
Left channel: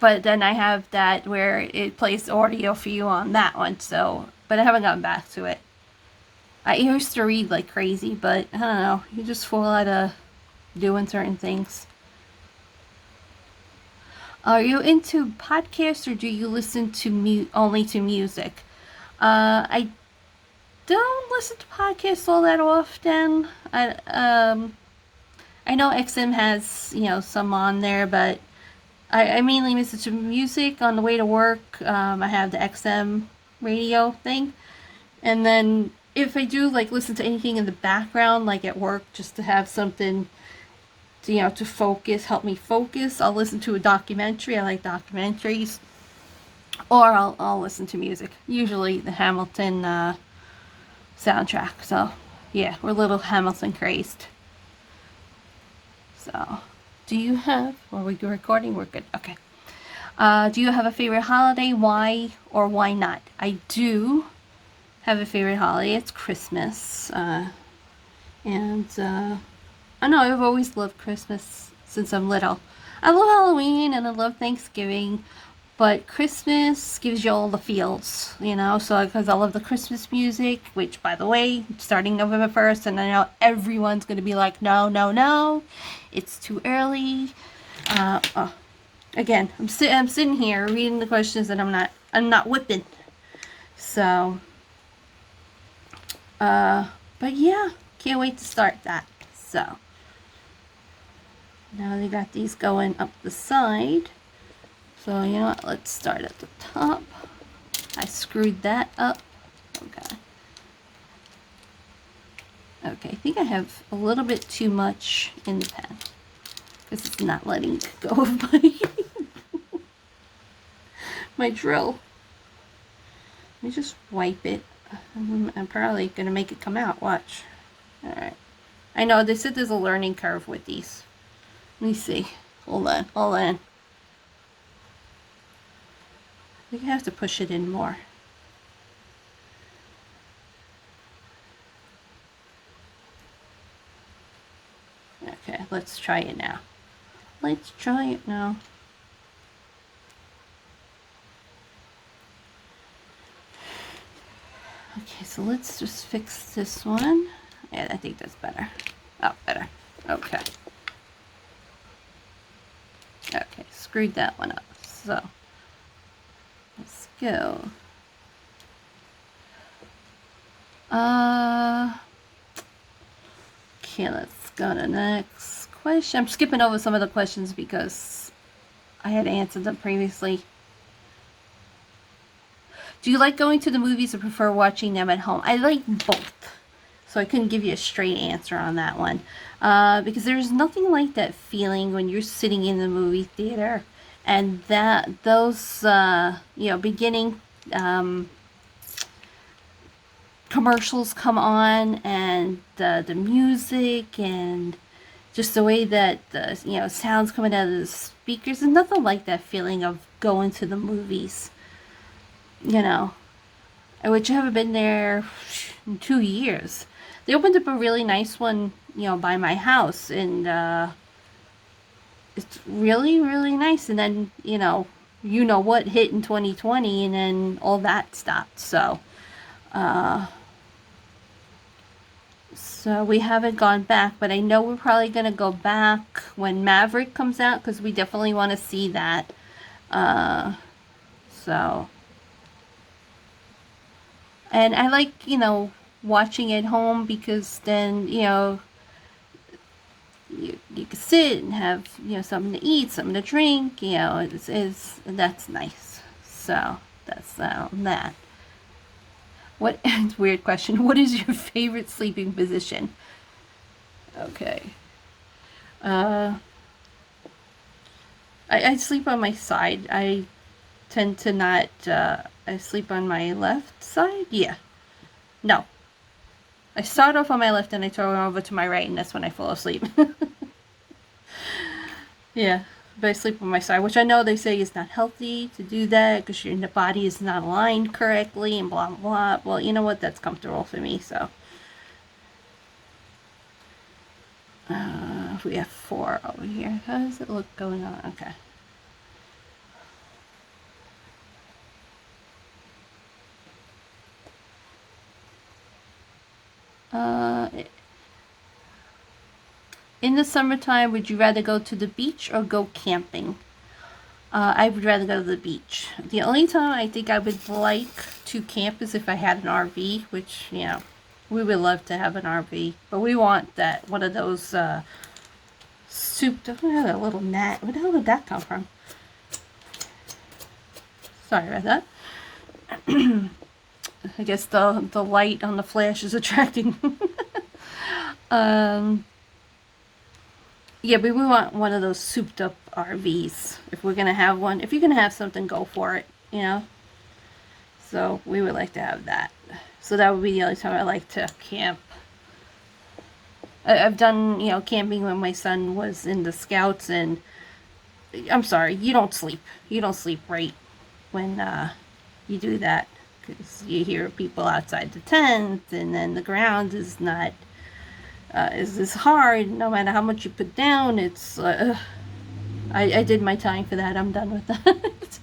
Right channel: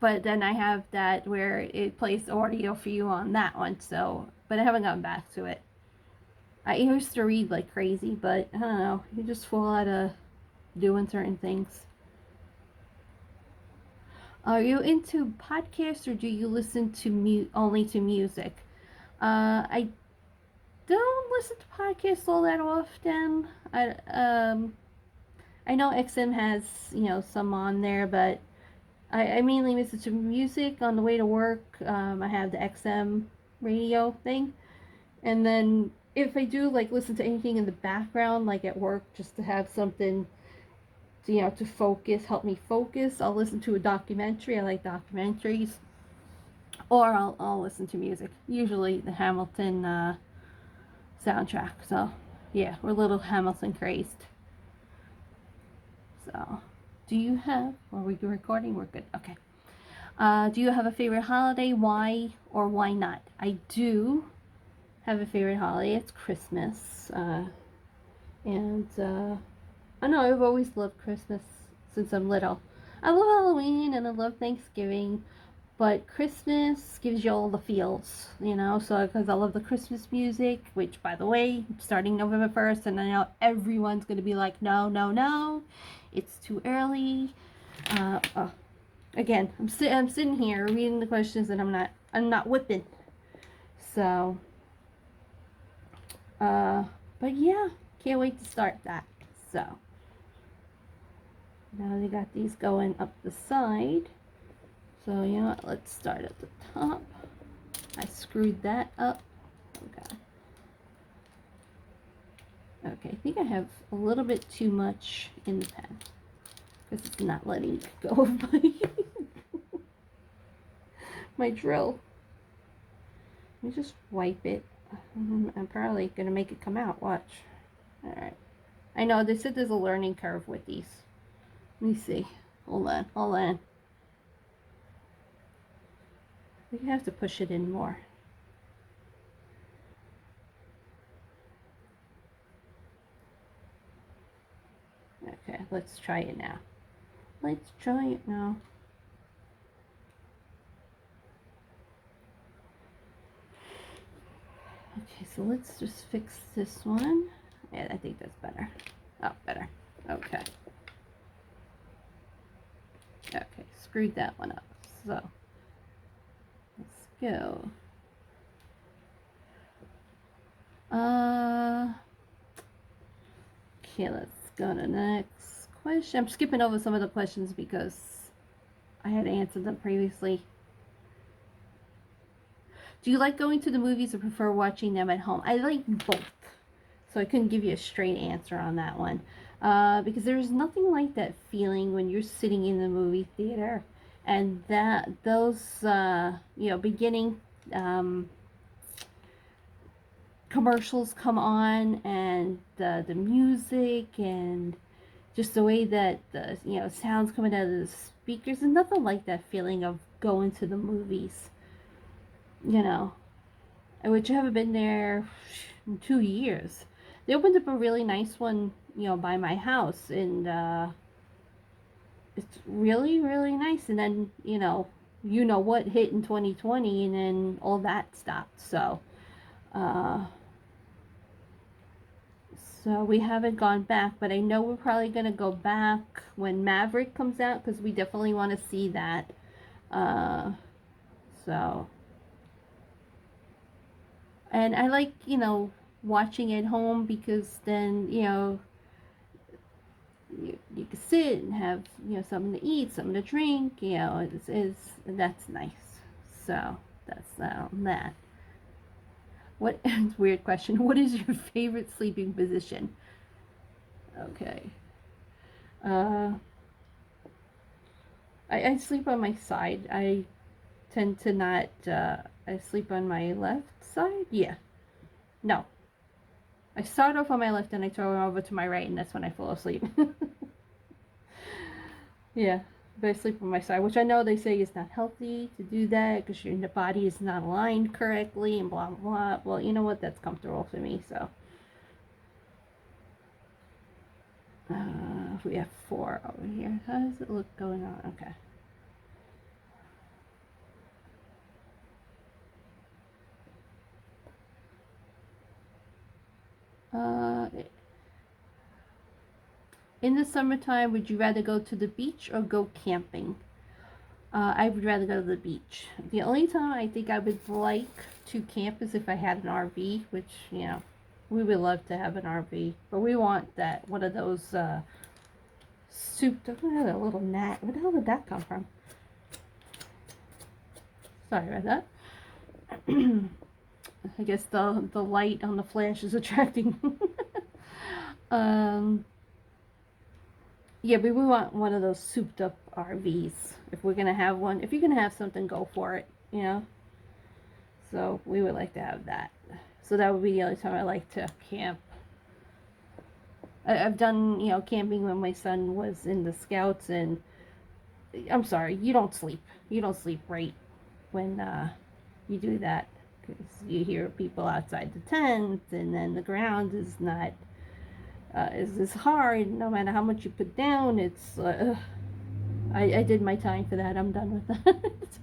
But then I have that where it plays audio for you on that one. So, but I haven't gotten back to it. I used to read like crazy, but I don't know. You just fall out of doing certain things. Are you into podcasts or do you listen to only to music? I don't listen to podcasts all that often. I know XM has some on there, but I mainly listen to music on the way to work. I have the XM radio thing, and then if I do like listen to anything in the background, like at work, just to have something to focus, help me focus, I'll listen to a documentary. I like documentaries, or I'll listen to music. Usually the Hamilton soundtrack. So yeah, we're a little Hamilton crazed. So, do you have? Are we recording? We're good. Okay. Do you have a favorite holiday? Why or why not? I do have a favorite holiday. It's Christmas, and I know I've always loved Christmas since I'm little. I love Halloween and I love Thanksgiving, but Christmas gives you all the feels, so because I love the Christmas music, which, by the way, starting November 1st, and I know everyone's going to be like, no, no, no, it's too early. Again, I'm sitting here reading the questions and I'm not whipping. So, but yeah, can't wait to start that. So, now they got these going up the side. So, you know what? Let's start at the top. I screwed that up. Okay. Okay, I think I have a little bit too much in the pen, because it's not letting go of my drill. Let me just wipe it. I'm probably going to make it come out. Watch. Alright. I know, they said there's a learning curve with these. Let me see. Hold on. I think I have to push it in more. Okay, let's try it now. Okay, so let's just fix this one. Yeah, I think that's better. Oh, better. Okay. Okay, screwed that one up. So, let's go. Okay, let's go to the next question. I'm skipping over some of the questions because I had answered them previously. Do you like going to the movies or prefer watching them at home? I like both. So I couldn't give you a straight answer on that one. Because there's nothing like that feeling when you're sitting in the movie theater and those beginning commercials come on, and the music and just the way that the sounds coming out of the speakers, and nothing like that feeling of going to the movies. Which I haven't been there in 2 years. They opened up a really nice one, by my house, and it's really, really nice. And then, what hit in 2020, and then all that stopped. So we haven't gone back, but I know we're probably going to go back when Maverick comes out, because we definitely want to see that. And I like, watching at home, because then, you can sit and have, something to eat, something to drink, that's nice. So that's that. What, weird question. What is your favorite sleeping position? Okay. I sleep on my side. I tend to not, I sleep on my left side? Yeah. No. I start off on my left and I turn over to my right, and that's when I fall asleep. Yeah. but I sleep on my side, which I know they say is not healthy to do that because your body is not aligned correctly and blah, blah, blah. Well, you know what? That's comfortable for me, so. We have 4 over here. How does it look going on? Okay. In the summertime, would you rather go to the beach or go camping? I would rather go to the beach. The only time I think I would like to camp is if I had an RV, which, you know, we would love to have an RV. But we want that, one of those souped up, oh, that little gnat. Where the hell did that come from? Sorry about that. I guess the light on the flash is attracting. Yeah, but we want one of those souped up RVs. If we're going to have one, if you're going to have something, go for it, you know? So we would like to have that. So that would be the only time I like to camp. I've done, you know, camping when my son was in the Scouts, and I'm sorry, you don't sleep. You don't sleep right when you do that, because you hear people outside the tent, and then the ground is not is hard. No matter how much you put down, it's I did my time for that. I'm done with that.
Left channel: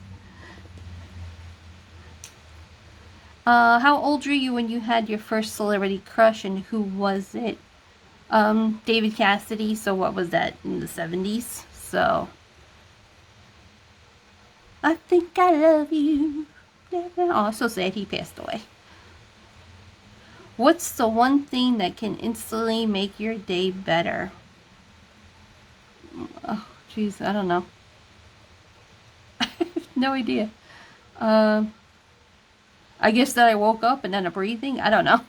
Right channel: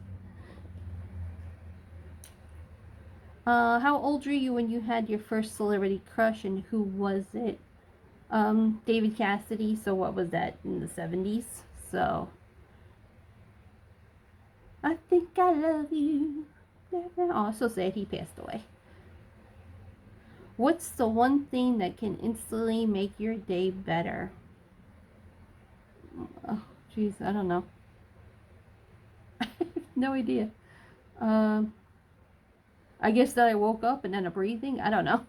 How old were you when you had your first celebrity crush, and who was it? David Cassidy. So what was that, in the 70s? So I think I love you. Oh, so sad he passed away. What's the one thing that can instantly make your day better? Oh, jeez, I don't know. No idea. I guess that I woke up and then a breathing. I don't know.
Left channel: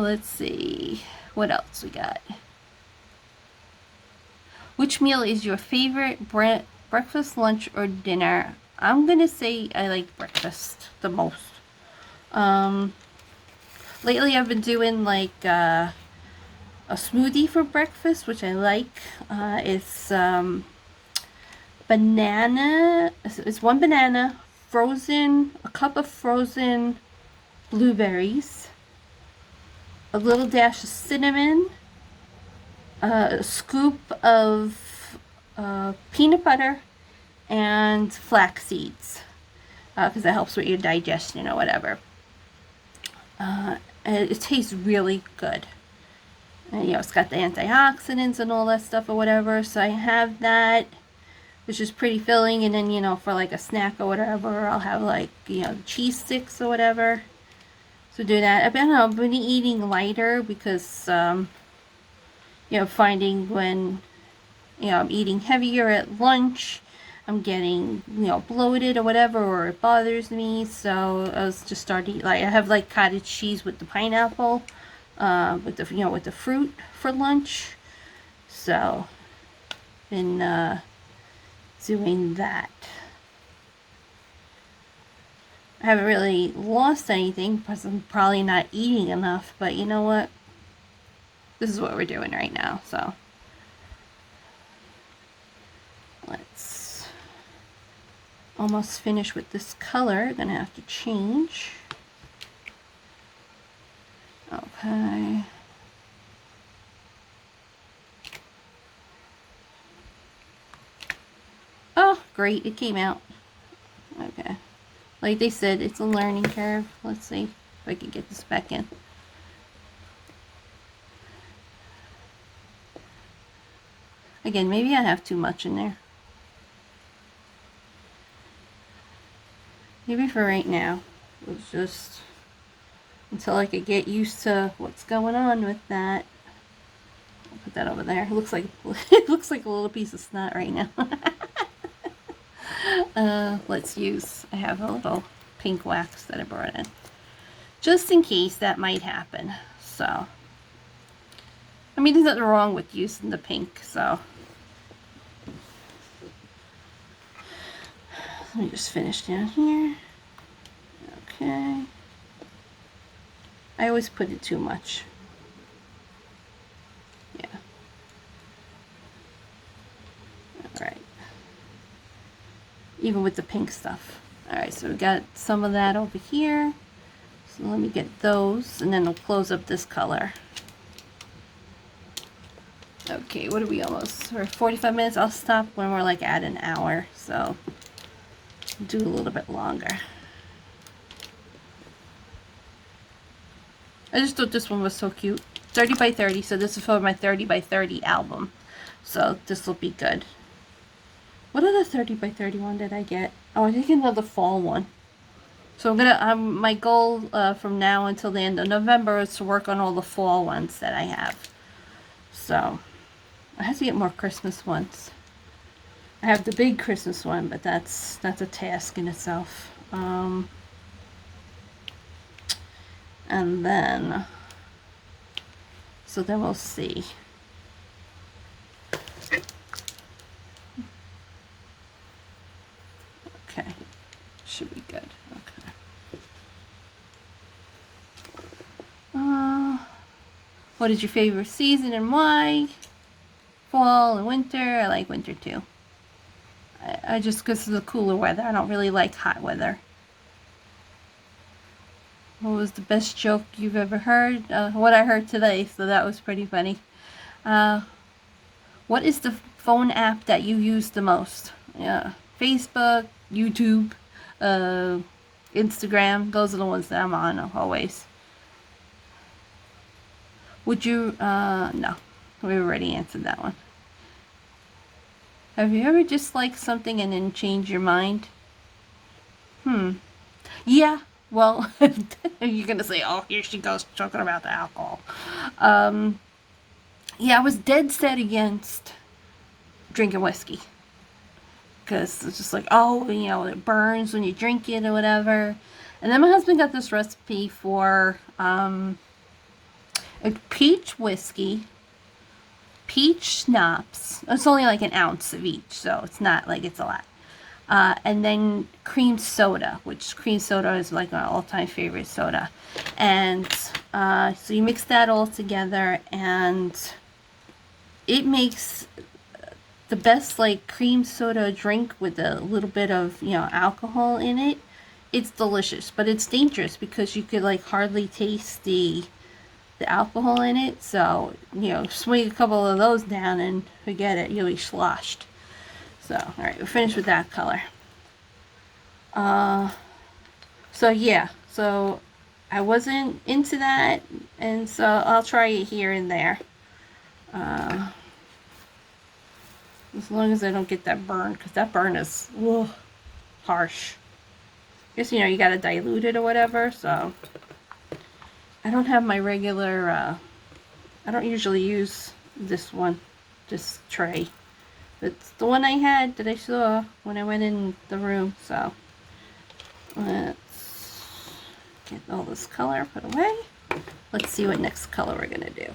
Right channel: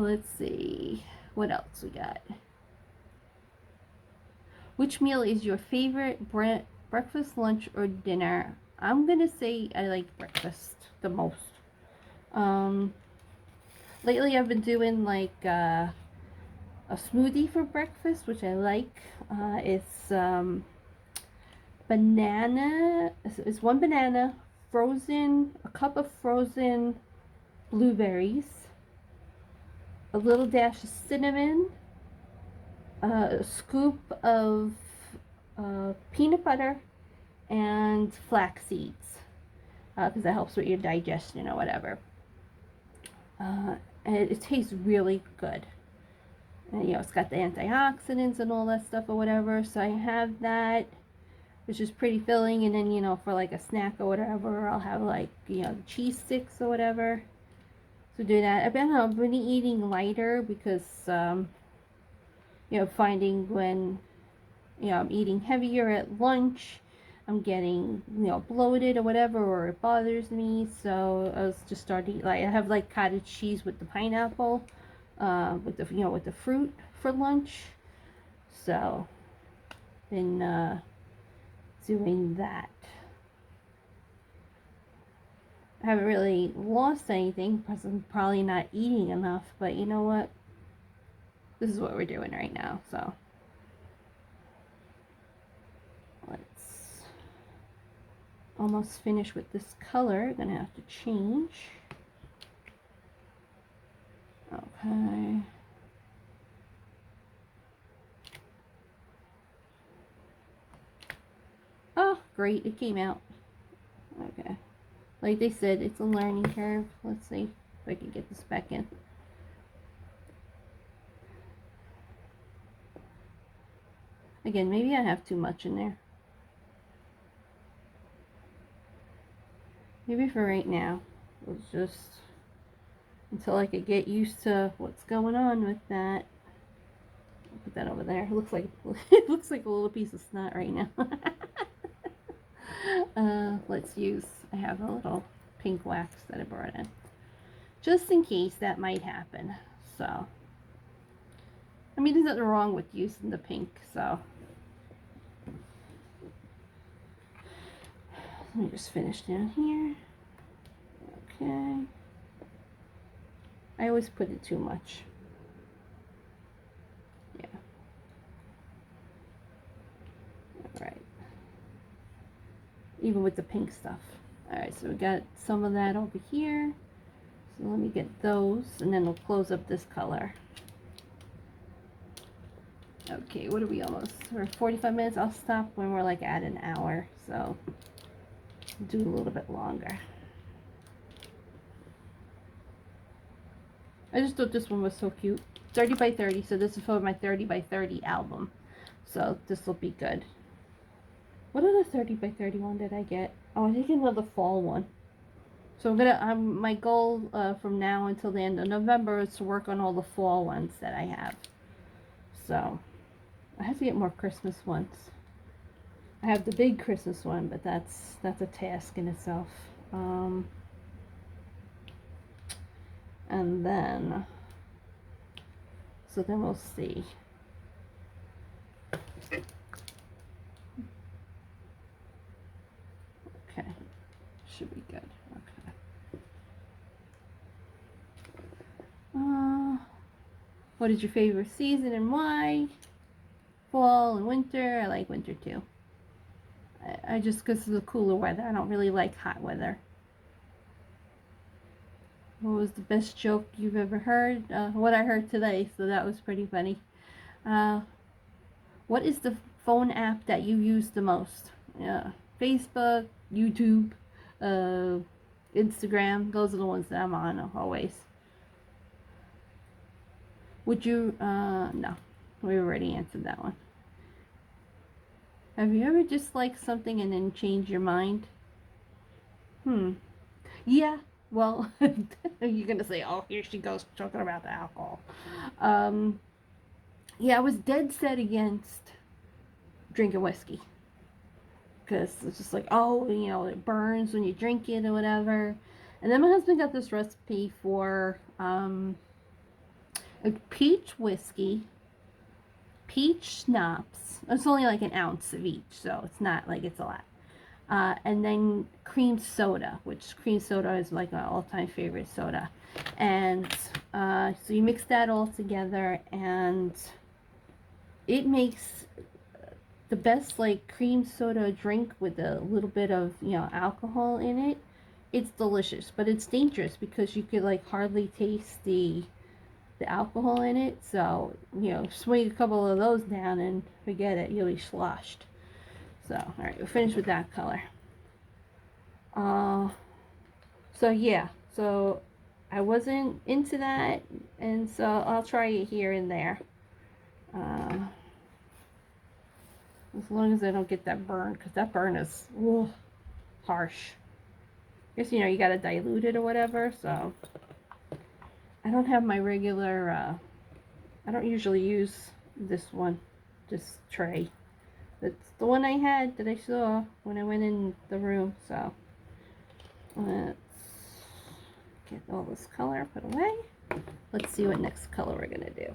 Let's see. What else we got? Which meal is your favorite breakfast, lunch, or dinner? I'm gonna say I like breakfast the most. Lately I've been doing like a smoothie for breakfast, which I like. It's banana. It's one banana, frozen, a cup of frozen blueberries, a little dash of cinnamon, a scoop of peanut butter, and flax seeds, because that helps with your digestion or whatever. It tastes really good. And, you know, it's got the antioxidants and all that stuff or whatever. So I have that, which is pretty filling. And then, you know, for like a snack or whatever, I'll have like, you know, cheese sticks or whatever. So do that. I've been eating lighter because, you know, finding when, you know, I'm eating heavier at lunch, I'm getting, you know, bloated or whatever, or it bothers me. So I was just starting, like, I have like cottage cheese with the pineapple, with the, you know, with the fruit for lunch. So been doing that. I haven't really lost anything because I'm probably not eating enough, but you know what? This is what we're doing right now, so let's almost finish with this color. Gonna have to change. Okay. Oh, great, it came out. Okay. Like they said, it's a learning curve. Let's see if I can get this back in. Again, maybe I have too much in there. Maybe for right now. It's just until I could get used to what's going on with that. I'll put that over there. It looks like it looks like a little piece of snot right now. Let's use, I have a little pink wax that I brought in, just in case that might happen. So, I mean, there's nothing wrong with using the pink, so. Let me just finish down here. Okay. I always put it too much. Yeah. even with the pink stuff. All right, so we got some of that over here. So let me get those, and then we'll close up this color. Okay, what are we almost? We're 45 minutes. I'll stop when we're like at an hour, so do a little bit longer. I just thought this one was so cute. 30 by 30, so this is for my 30 by 30 album. So this will be good. What other 30 by 30 one did I get? Oh, I think another fall one. So I'm gonna, my goal from now until the end of November is to work on all the fall ones that I have. So I have to get more Christmas ones. I have the big Christmas one, but that's a task in itself. And then, so then we'll see. Okay, should be good. Okay. What is your favorite season and why? Fall and winter. I like winter too. I just, because of the cooler weather. I don't really like hot weather. What was the best joke you've ever heard? What I heard today, so that was pretty funny. What is the phone app that you use the most? Yeah, Facebook, YouTube, Instagram. Those are the ones that I'm on always. Would you, no, we already answered that one. Have you ever disliked something and then changed your mind? Yeah, well, you're going to say, oh, here she goes talking about the alcohol. Yeah, I was dead set against drinking whiskey. Because it's just like, oh, you know, it burns when you drink it or whatever. And then my husband got this recipe for a peach whiskey, peach schnapps. It's only like an ounce of each, so it's not like it's a lot. And then cream soda, which cream soda is like my all-time favorite soda. And so you mix that all together, and it makes the best like cream soda drink with a little bit of, you know, alcohol in it. It's delicious, but it's dangerous because you could like hardly taste the alcohol in it. So, you know, swing a couple of those down and forget it, you'll be sloshed. So, all right, we're finished with that color. So yeah, so I wasn't into that, and so I'll try it here and there. As long as I don't get that burn, because that burn is harsh. Guess, you know, you gotta dilute it or whatever, so. I don't have my regular, I don't usually use this one, this tray. It's the one I had that I saw when I went in the room, so. Let's get all this color put away. Let's see what next color we're gonna do.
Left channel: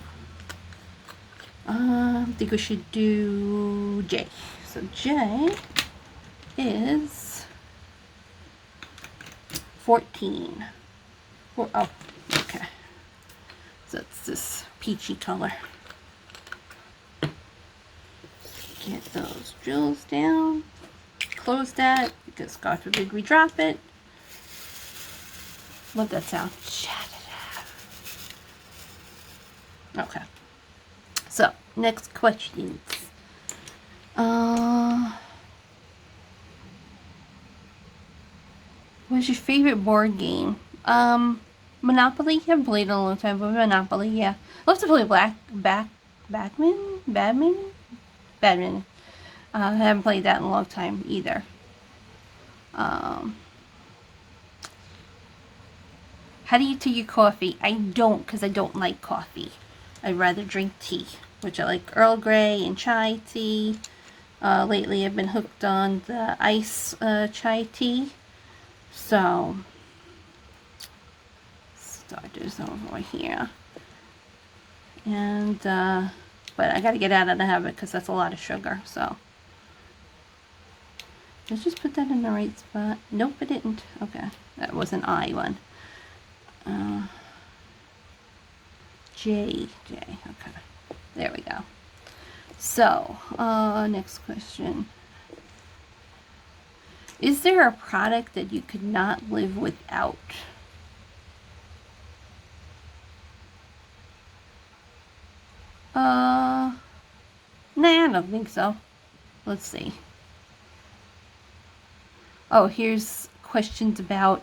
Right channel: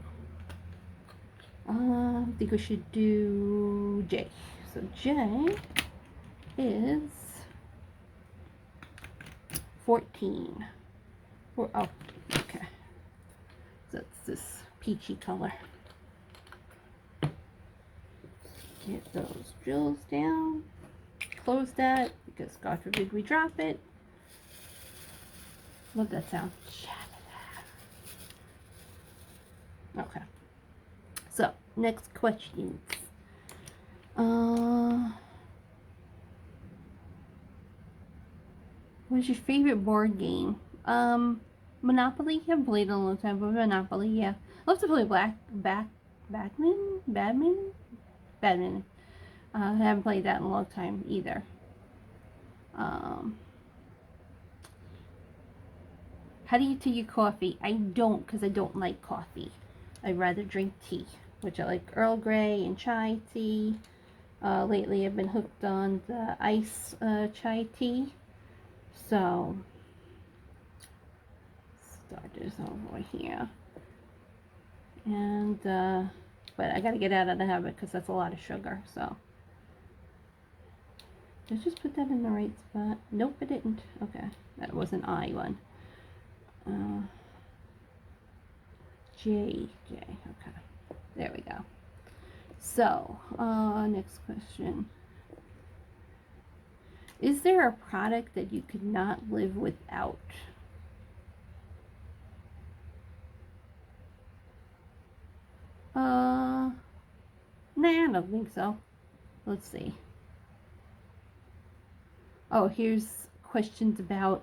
I think we should do J. So J is 14. Oh, okay. So it's this peachy color. Get those jewels down. Close that because God forbid we drop it. Love that sound. Okay. So, next questions. What's your favorite board game? Monopoly. I haven't played in a long time, but Monopoly, yeah. I love to play Badminton. I haven't played that in a long time either. How do you take your coffee? I don't, because I don't like coffee. I'd rather drink tea, which I like Earl Grey and chai tea. Lately I've been hooked on the ice chai tea. So, starters over here. And, but I gotta get out of the habit because that's a lot of sugar, so. Let's just put that in the right spot. Nope, I didn't. Okay, that was an I one. J, okay. There we go. So, next question. Is there a product that you could not live without? Nah, I don't think so. Let's see. Oh, here's questions about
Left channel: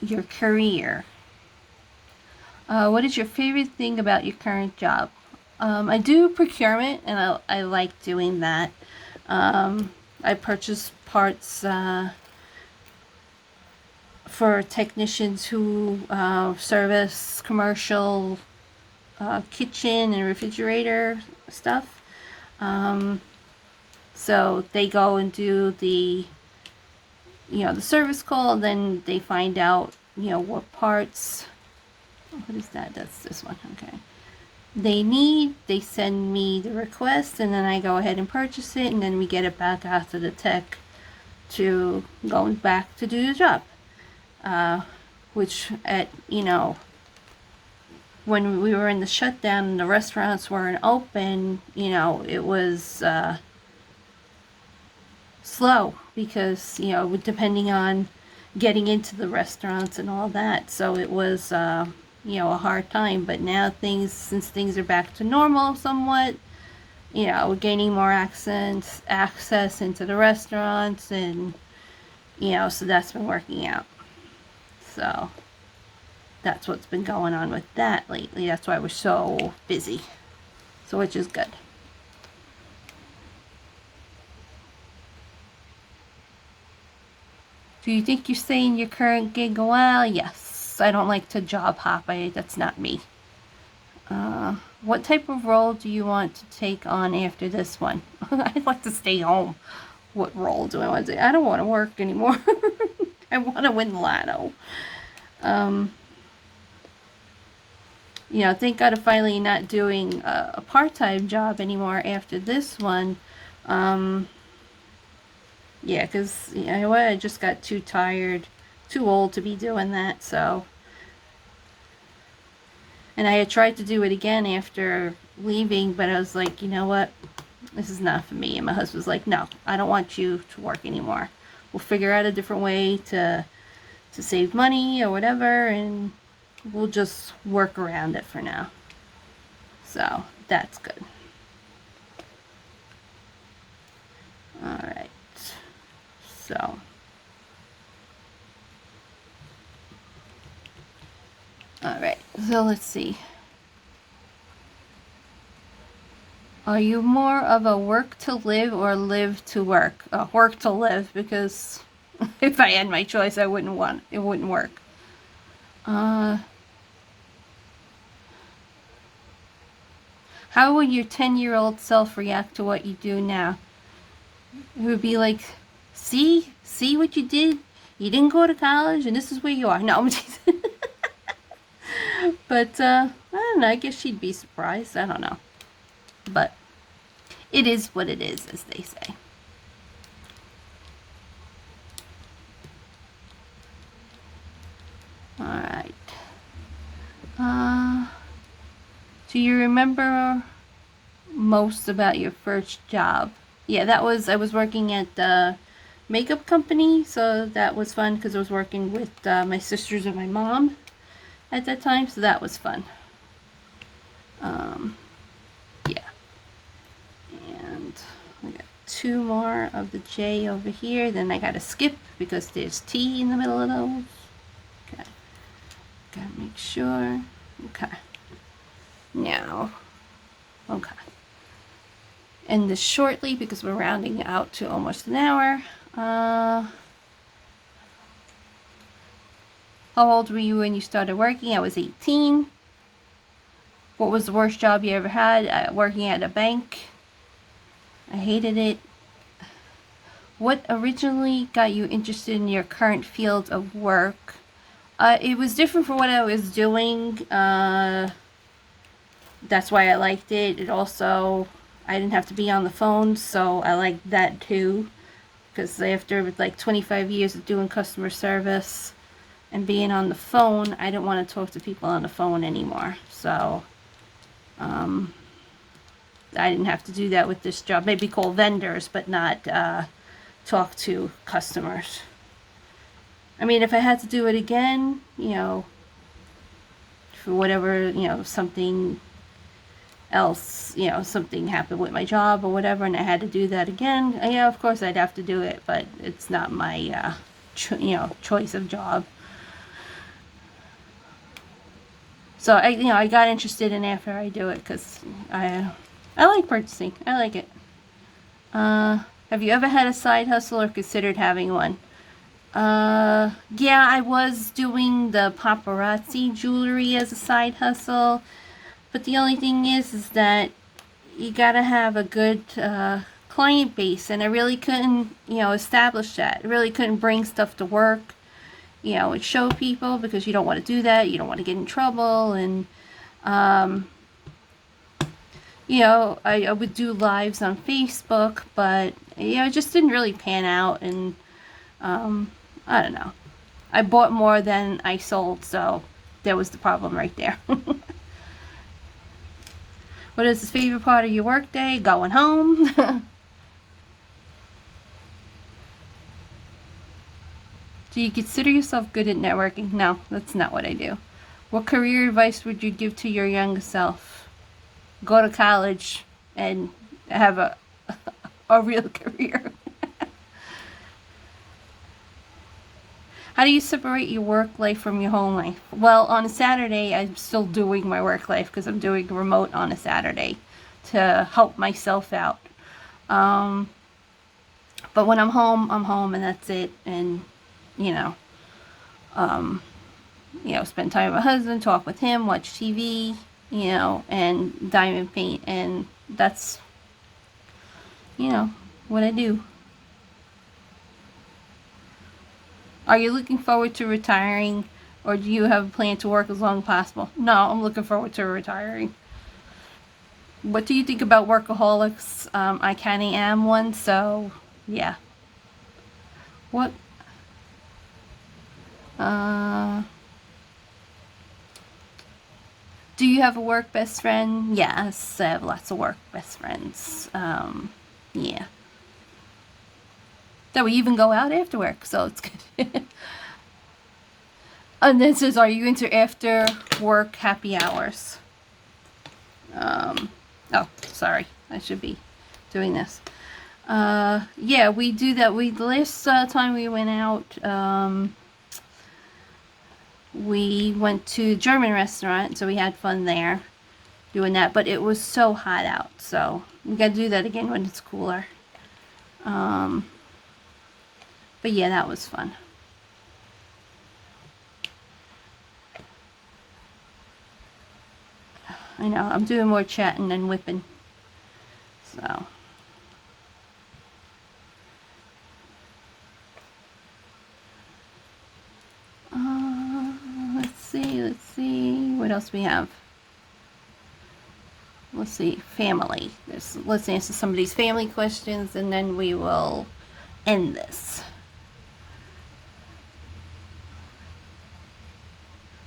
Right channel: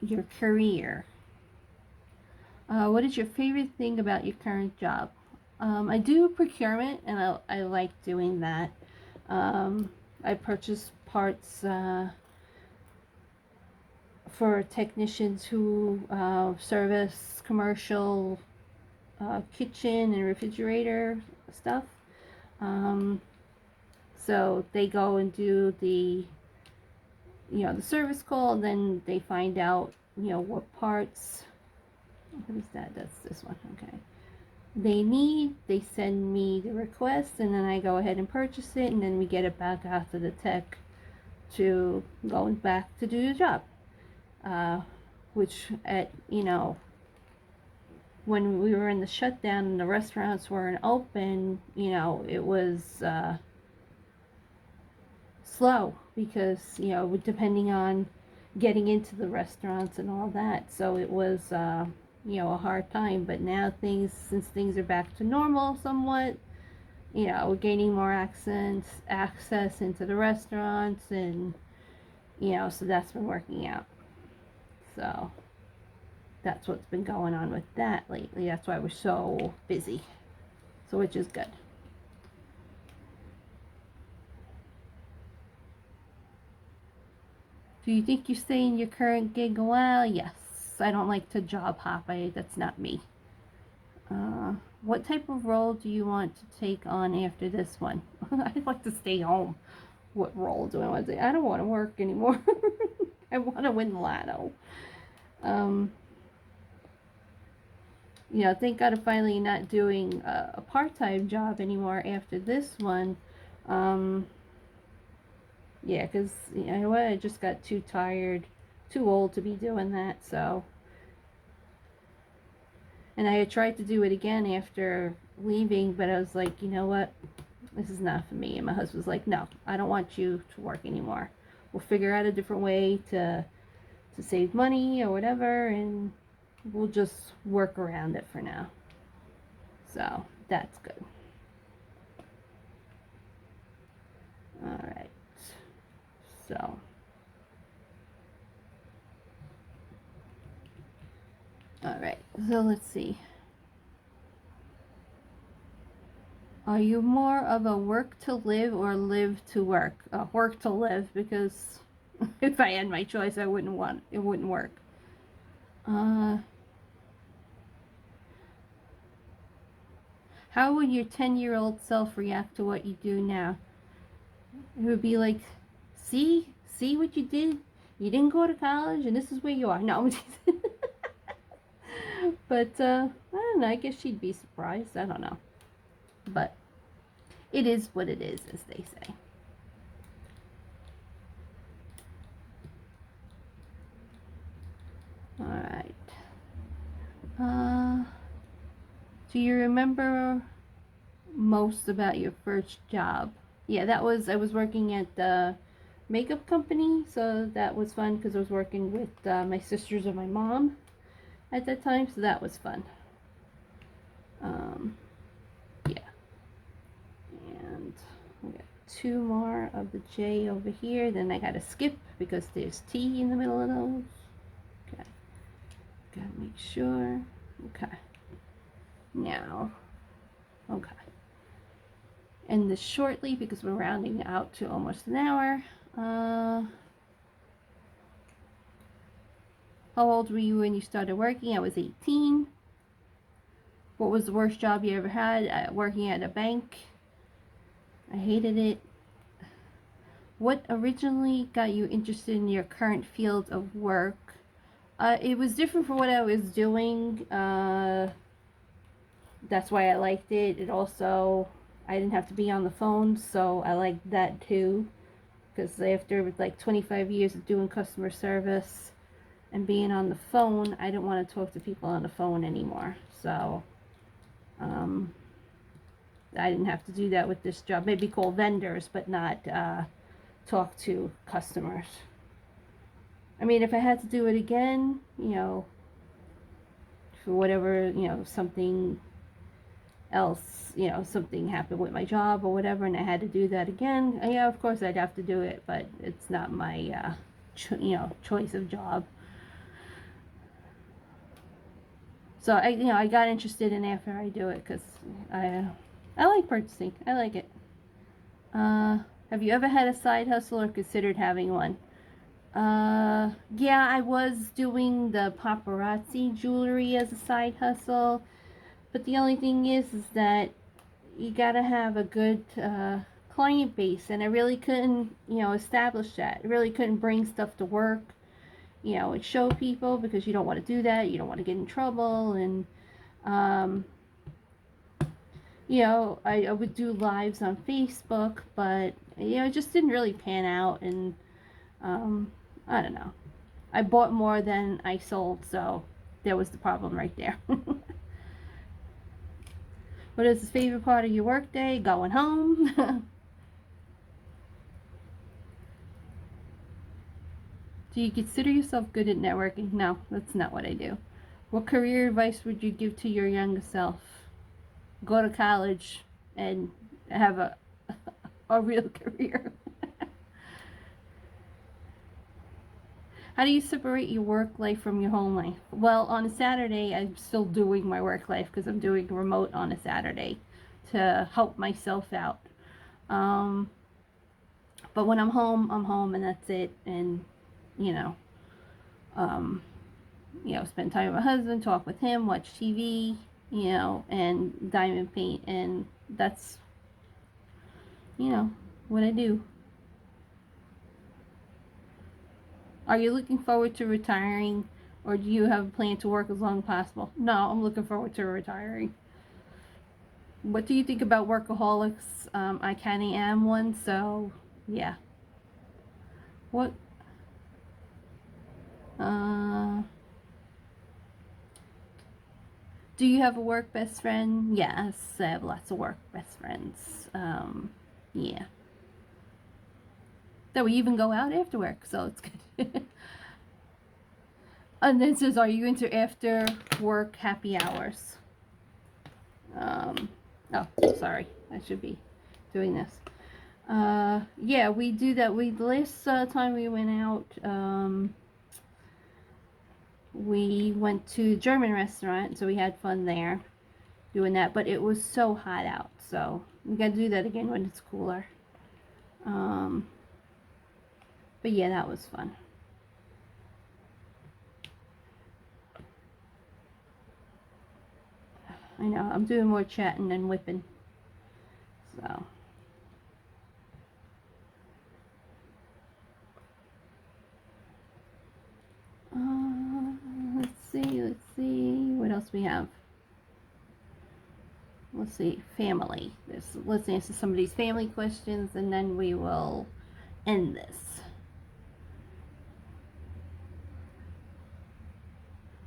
your career. What is your favorite thing about your current job? I do procurement, and I like doing that. I purchase parts for technicians who service commercial kitchen and refrigerator stuff. So they go and do the the service call, and then they find out what parts. What is that? That's this one. Okay. They need, they send me the request, and then I go ahead and purchase it, and then we get it back out to the tech to go back to do the job. Which at when we were in the shutdown and the restaurants weren't open, it was slow because depending on getting into the restaurants and all that, so it was a hard time. But now since things are back to normal somewhat, we're gaining more access into the restaurants, and so that's been working out. So that's what's been going on with that lately. That's why we're so busy, so which is good. Do you think you stay in your current gig a while? Yes. I don't like to job hop. That's not me. What type of role do you want to take on after this one? I'd like to stay home. What role do I want to take? I don't want to work anymore. I want to win the lotto. Thank God I'm finally not doing a part-time job anymore after this one. Yeah, because I just got too tired, too old to be doing that, so. And I had tried to do it again after leaving, but I was like, you know what? This is not for me. And my husband was like, no, I don't want you to work anymore. We'll figure out a different way to save money or whatever, and we'll just work around it for now. So that's good. All right. So. All right. So let's see. Are you more of a work to live or live to work? Work to live, because if I had my choice, it wouldn't work. How would your 10-year-old self react to what you do now? It would be like, see what you did? You didn't go to college, and this is where you are. No, I'm just but I don't know. I guess she'd be surprised. I don't know. But it is what it is, as they say. All right. Do you remember most about your first job? Yeah, I was working at the makeup company, so that was fun because I was working with my sisters and my mom at that time, so that was fun. Yeah. And I got 2 more of the J over here, then I gotta skip because there's T in the middle of those. Okay. Gotta make sure. Okay. Now. Okay. End this shortly because we're rounding out to almost an hour. How old were you when you started working? I was 18. What was the worst job you ever had? Working at a bank. I hated it. What originally got you interested in your current field of work? It was different from what I was doing. That's why I liked it. It also, I didn't have to be on the phone, so I liked that too. Because after like 25 years of doing customer service and being on the phone, I didn't want to talk to people on the phone anymore. So, I didn't have to do that with this job. Maybe call vendors, but not talk to customers. I mean, if I had to do it again, for whatever, something else, something happened with my job or whatever, and I had to do that again, yeah, of course I'd have to do it, but it's not my, choice of job. So I got interested in after I do it because I like purchasing. I like it. Have you ever had a side hustle or considered having one? Yeah, I was doing the paparazzi jewelry as a side hustle, but the only thing is that you gotta have a good client base, and I really couldn't, establish that. I really couldn't bring stuff to work, and show people, because you don't want to do that. You don't want to get in trouble, and I would do lives on Facebook, but it just didn't really pan out, and I don't know. I bought more than I sold, so there was the problem right there. What is the favorite part of your work day? Going home. Do you consider yourself good at networking? No, that's not what I do. What career advice would you give to your younger self? Go to college and have a real career. How do you separate your work life from your home life? Well, on a Saturday, I'm still doing my work life because I'm doing remote on a Saturday to help myself out. But when I'm home, and that's it. And, spend time with my husband, talk with him, watch TV, and diamond paint. And that's, what I do. Are you looking forward to retiring, or do you have a plan to work as long as possible? No, I'm looking forward to retiring. What do you think about workaholics? I kind of am one, so yeah. What? Do you have a work best friend? Yes, I have lots of work best friends. Yeah. That we even go out after work, so it's good. And then it says, are you into after work happy hours? Oh, sorry. I should be doing this. Yeah, we do that. The last time we went out, we went to a German restaurant, so we had fun there doing that. But it was so hot out, so we got to do that again when it's cooler. But yeah, that was fun. I know, I'm doing more chatting than whipping. So. Let's see. What else we have? Let's see, family. Let's answer some of these family questions, and then we will end this.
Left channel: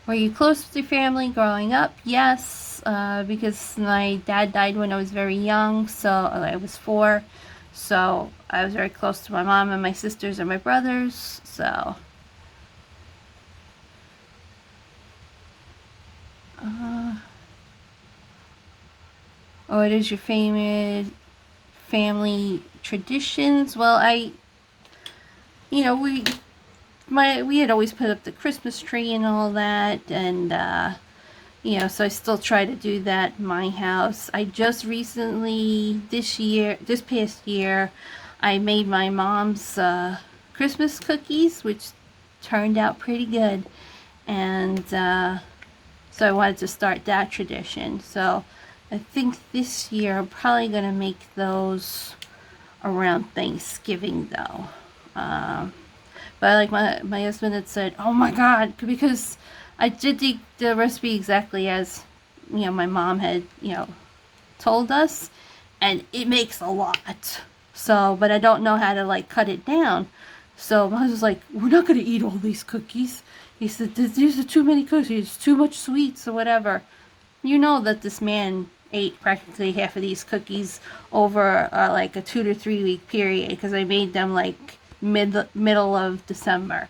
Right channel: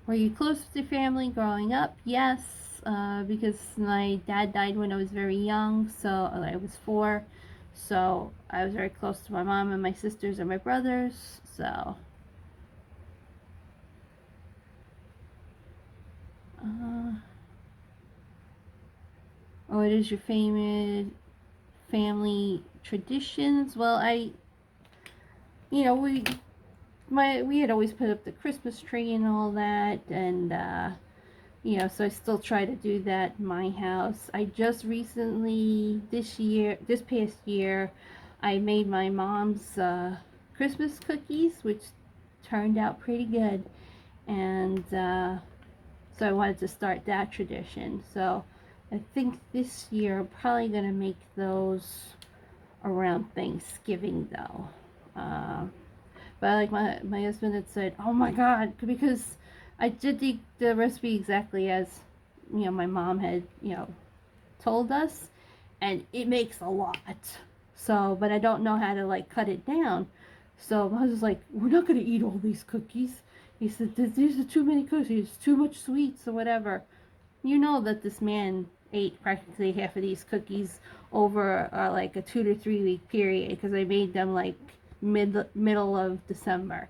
Were you close with your family growing up? Yes, because my dad died when I was very young, so I was 4. So I was very close to my mom and my sisters and my brothers, so. What is your favorite family traditions? Well, we had always put up the Christmas tree and all that, and so I still try to do that in my house. I just recently, this past year, I made my mom's Christmas cookies, which turned out pretty good, and so I wanted to start that tradition. So I think this year I'm probably going to make those around Thanksgiving, though. But like my husband had said, oh my God, because I did the recipe exactly as, my mom had, told us, and it makes a lot. So, but I don't know how to like cut it down. So my husband's like, we're not going to eat all these cookies. He said, these are too many cookies, too much sweets or whatever. You know that this man ate practically half of these cookies over like a 2 to 3 week period, because I made them like middle of December.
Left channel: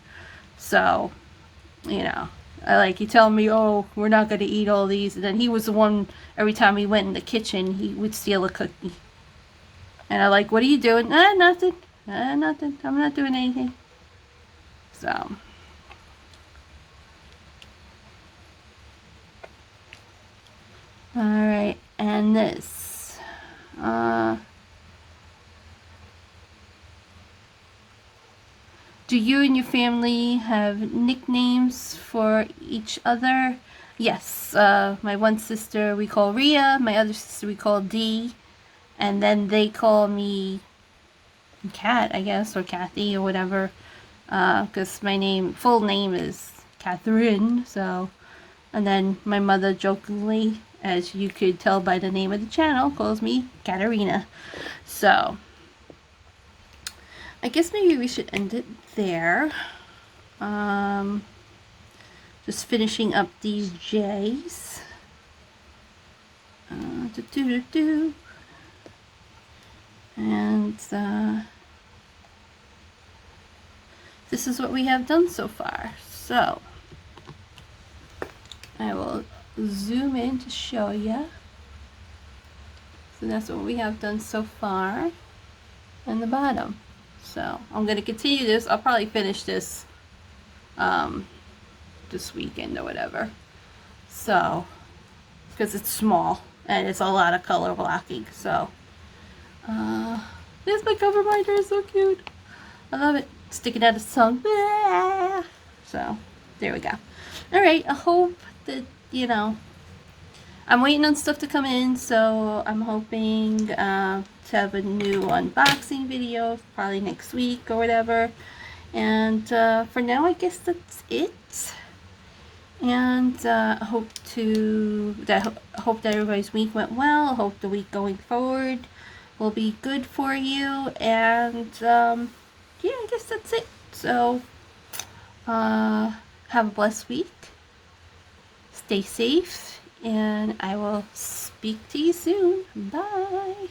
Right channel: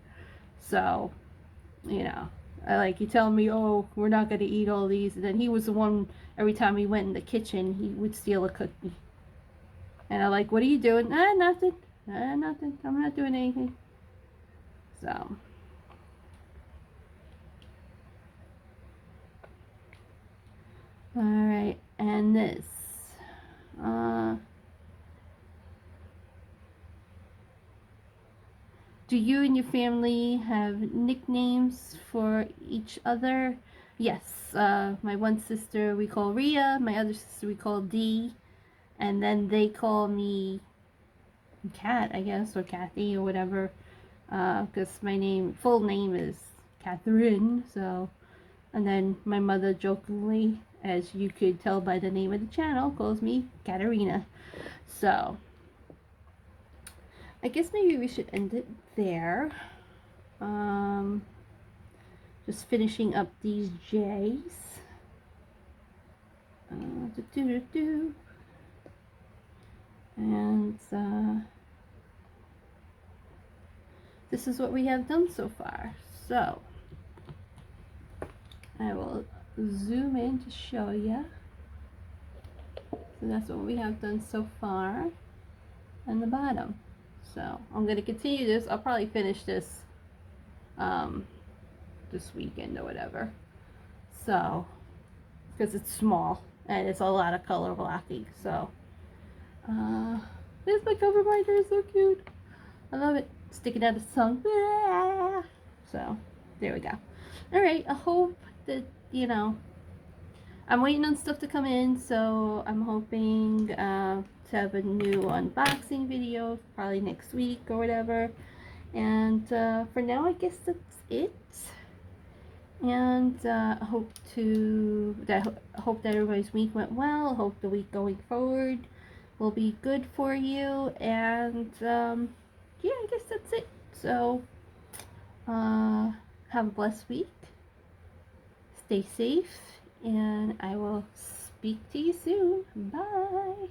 So, you know, you tell me, oh, we're not going to eat all these, and then he was the one, every time he went in the kitchen, he would steal a cookie. And I'm like, what are you doing? Nothing. Nothing. I'm not doing anything. So. Alright, and this. Do you and your family have nicknames for each other? Yes, my one sister we call Rhea, my other sister we call Dee, and then they call me Kat, I guess, or Kathy, or whatever, because my full name is Catherine, so, and then my mother jokingly, as you could tell by the name of the channel, calls me Katarina. So, I guess maybe we should end it there. Just finishing up these J's. And this is what we have done so far. So, I will zoom in to show you. So that's what we have done so far on the bottom. So I'm going to continue this. I'll probably finish this this weekend or whatever. So, because it's small and it's a lot of color blocking. So, there's my cover binder. It's so cute. I love it. Sticking out its tongue. So, there we go. Alright, I hope that, you know, I'm waiting on stuff to come in, so I'm hoping to have a new unboxing video probably next week or whatever. And for now, I guess that's it. And I hope that everybody's week went well. I hope the week going forward will be good for you. And yeah, I guess that's it. So have a blessed week. Stay safe. And I will speak to you soon. Bye.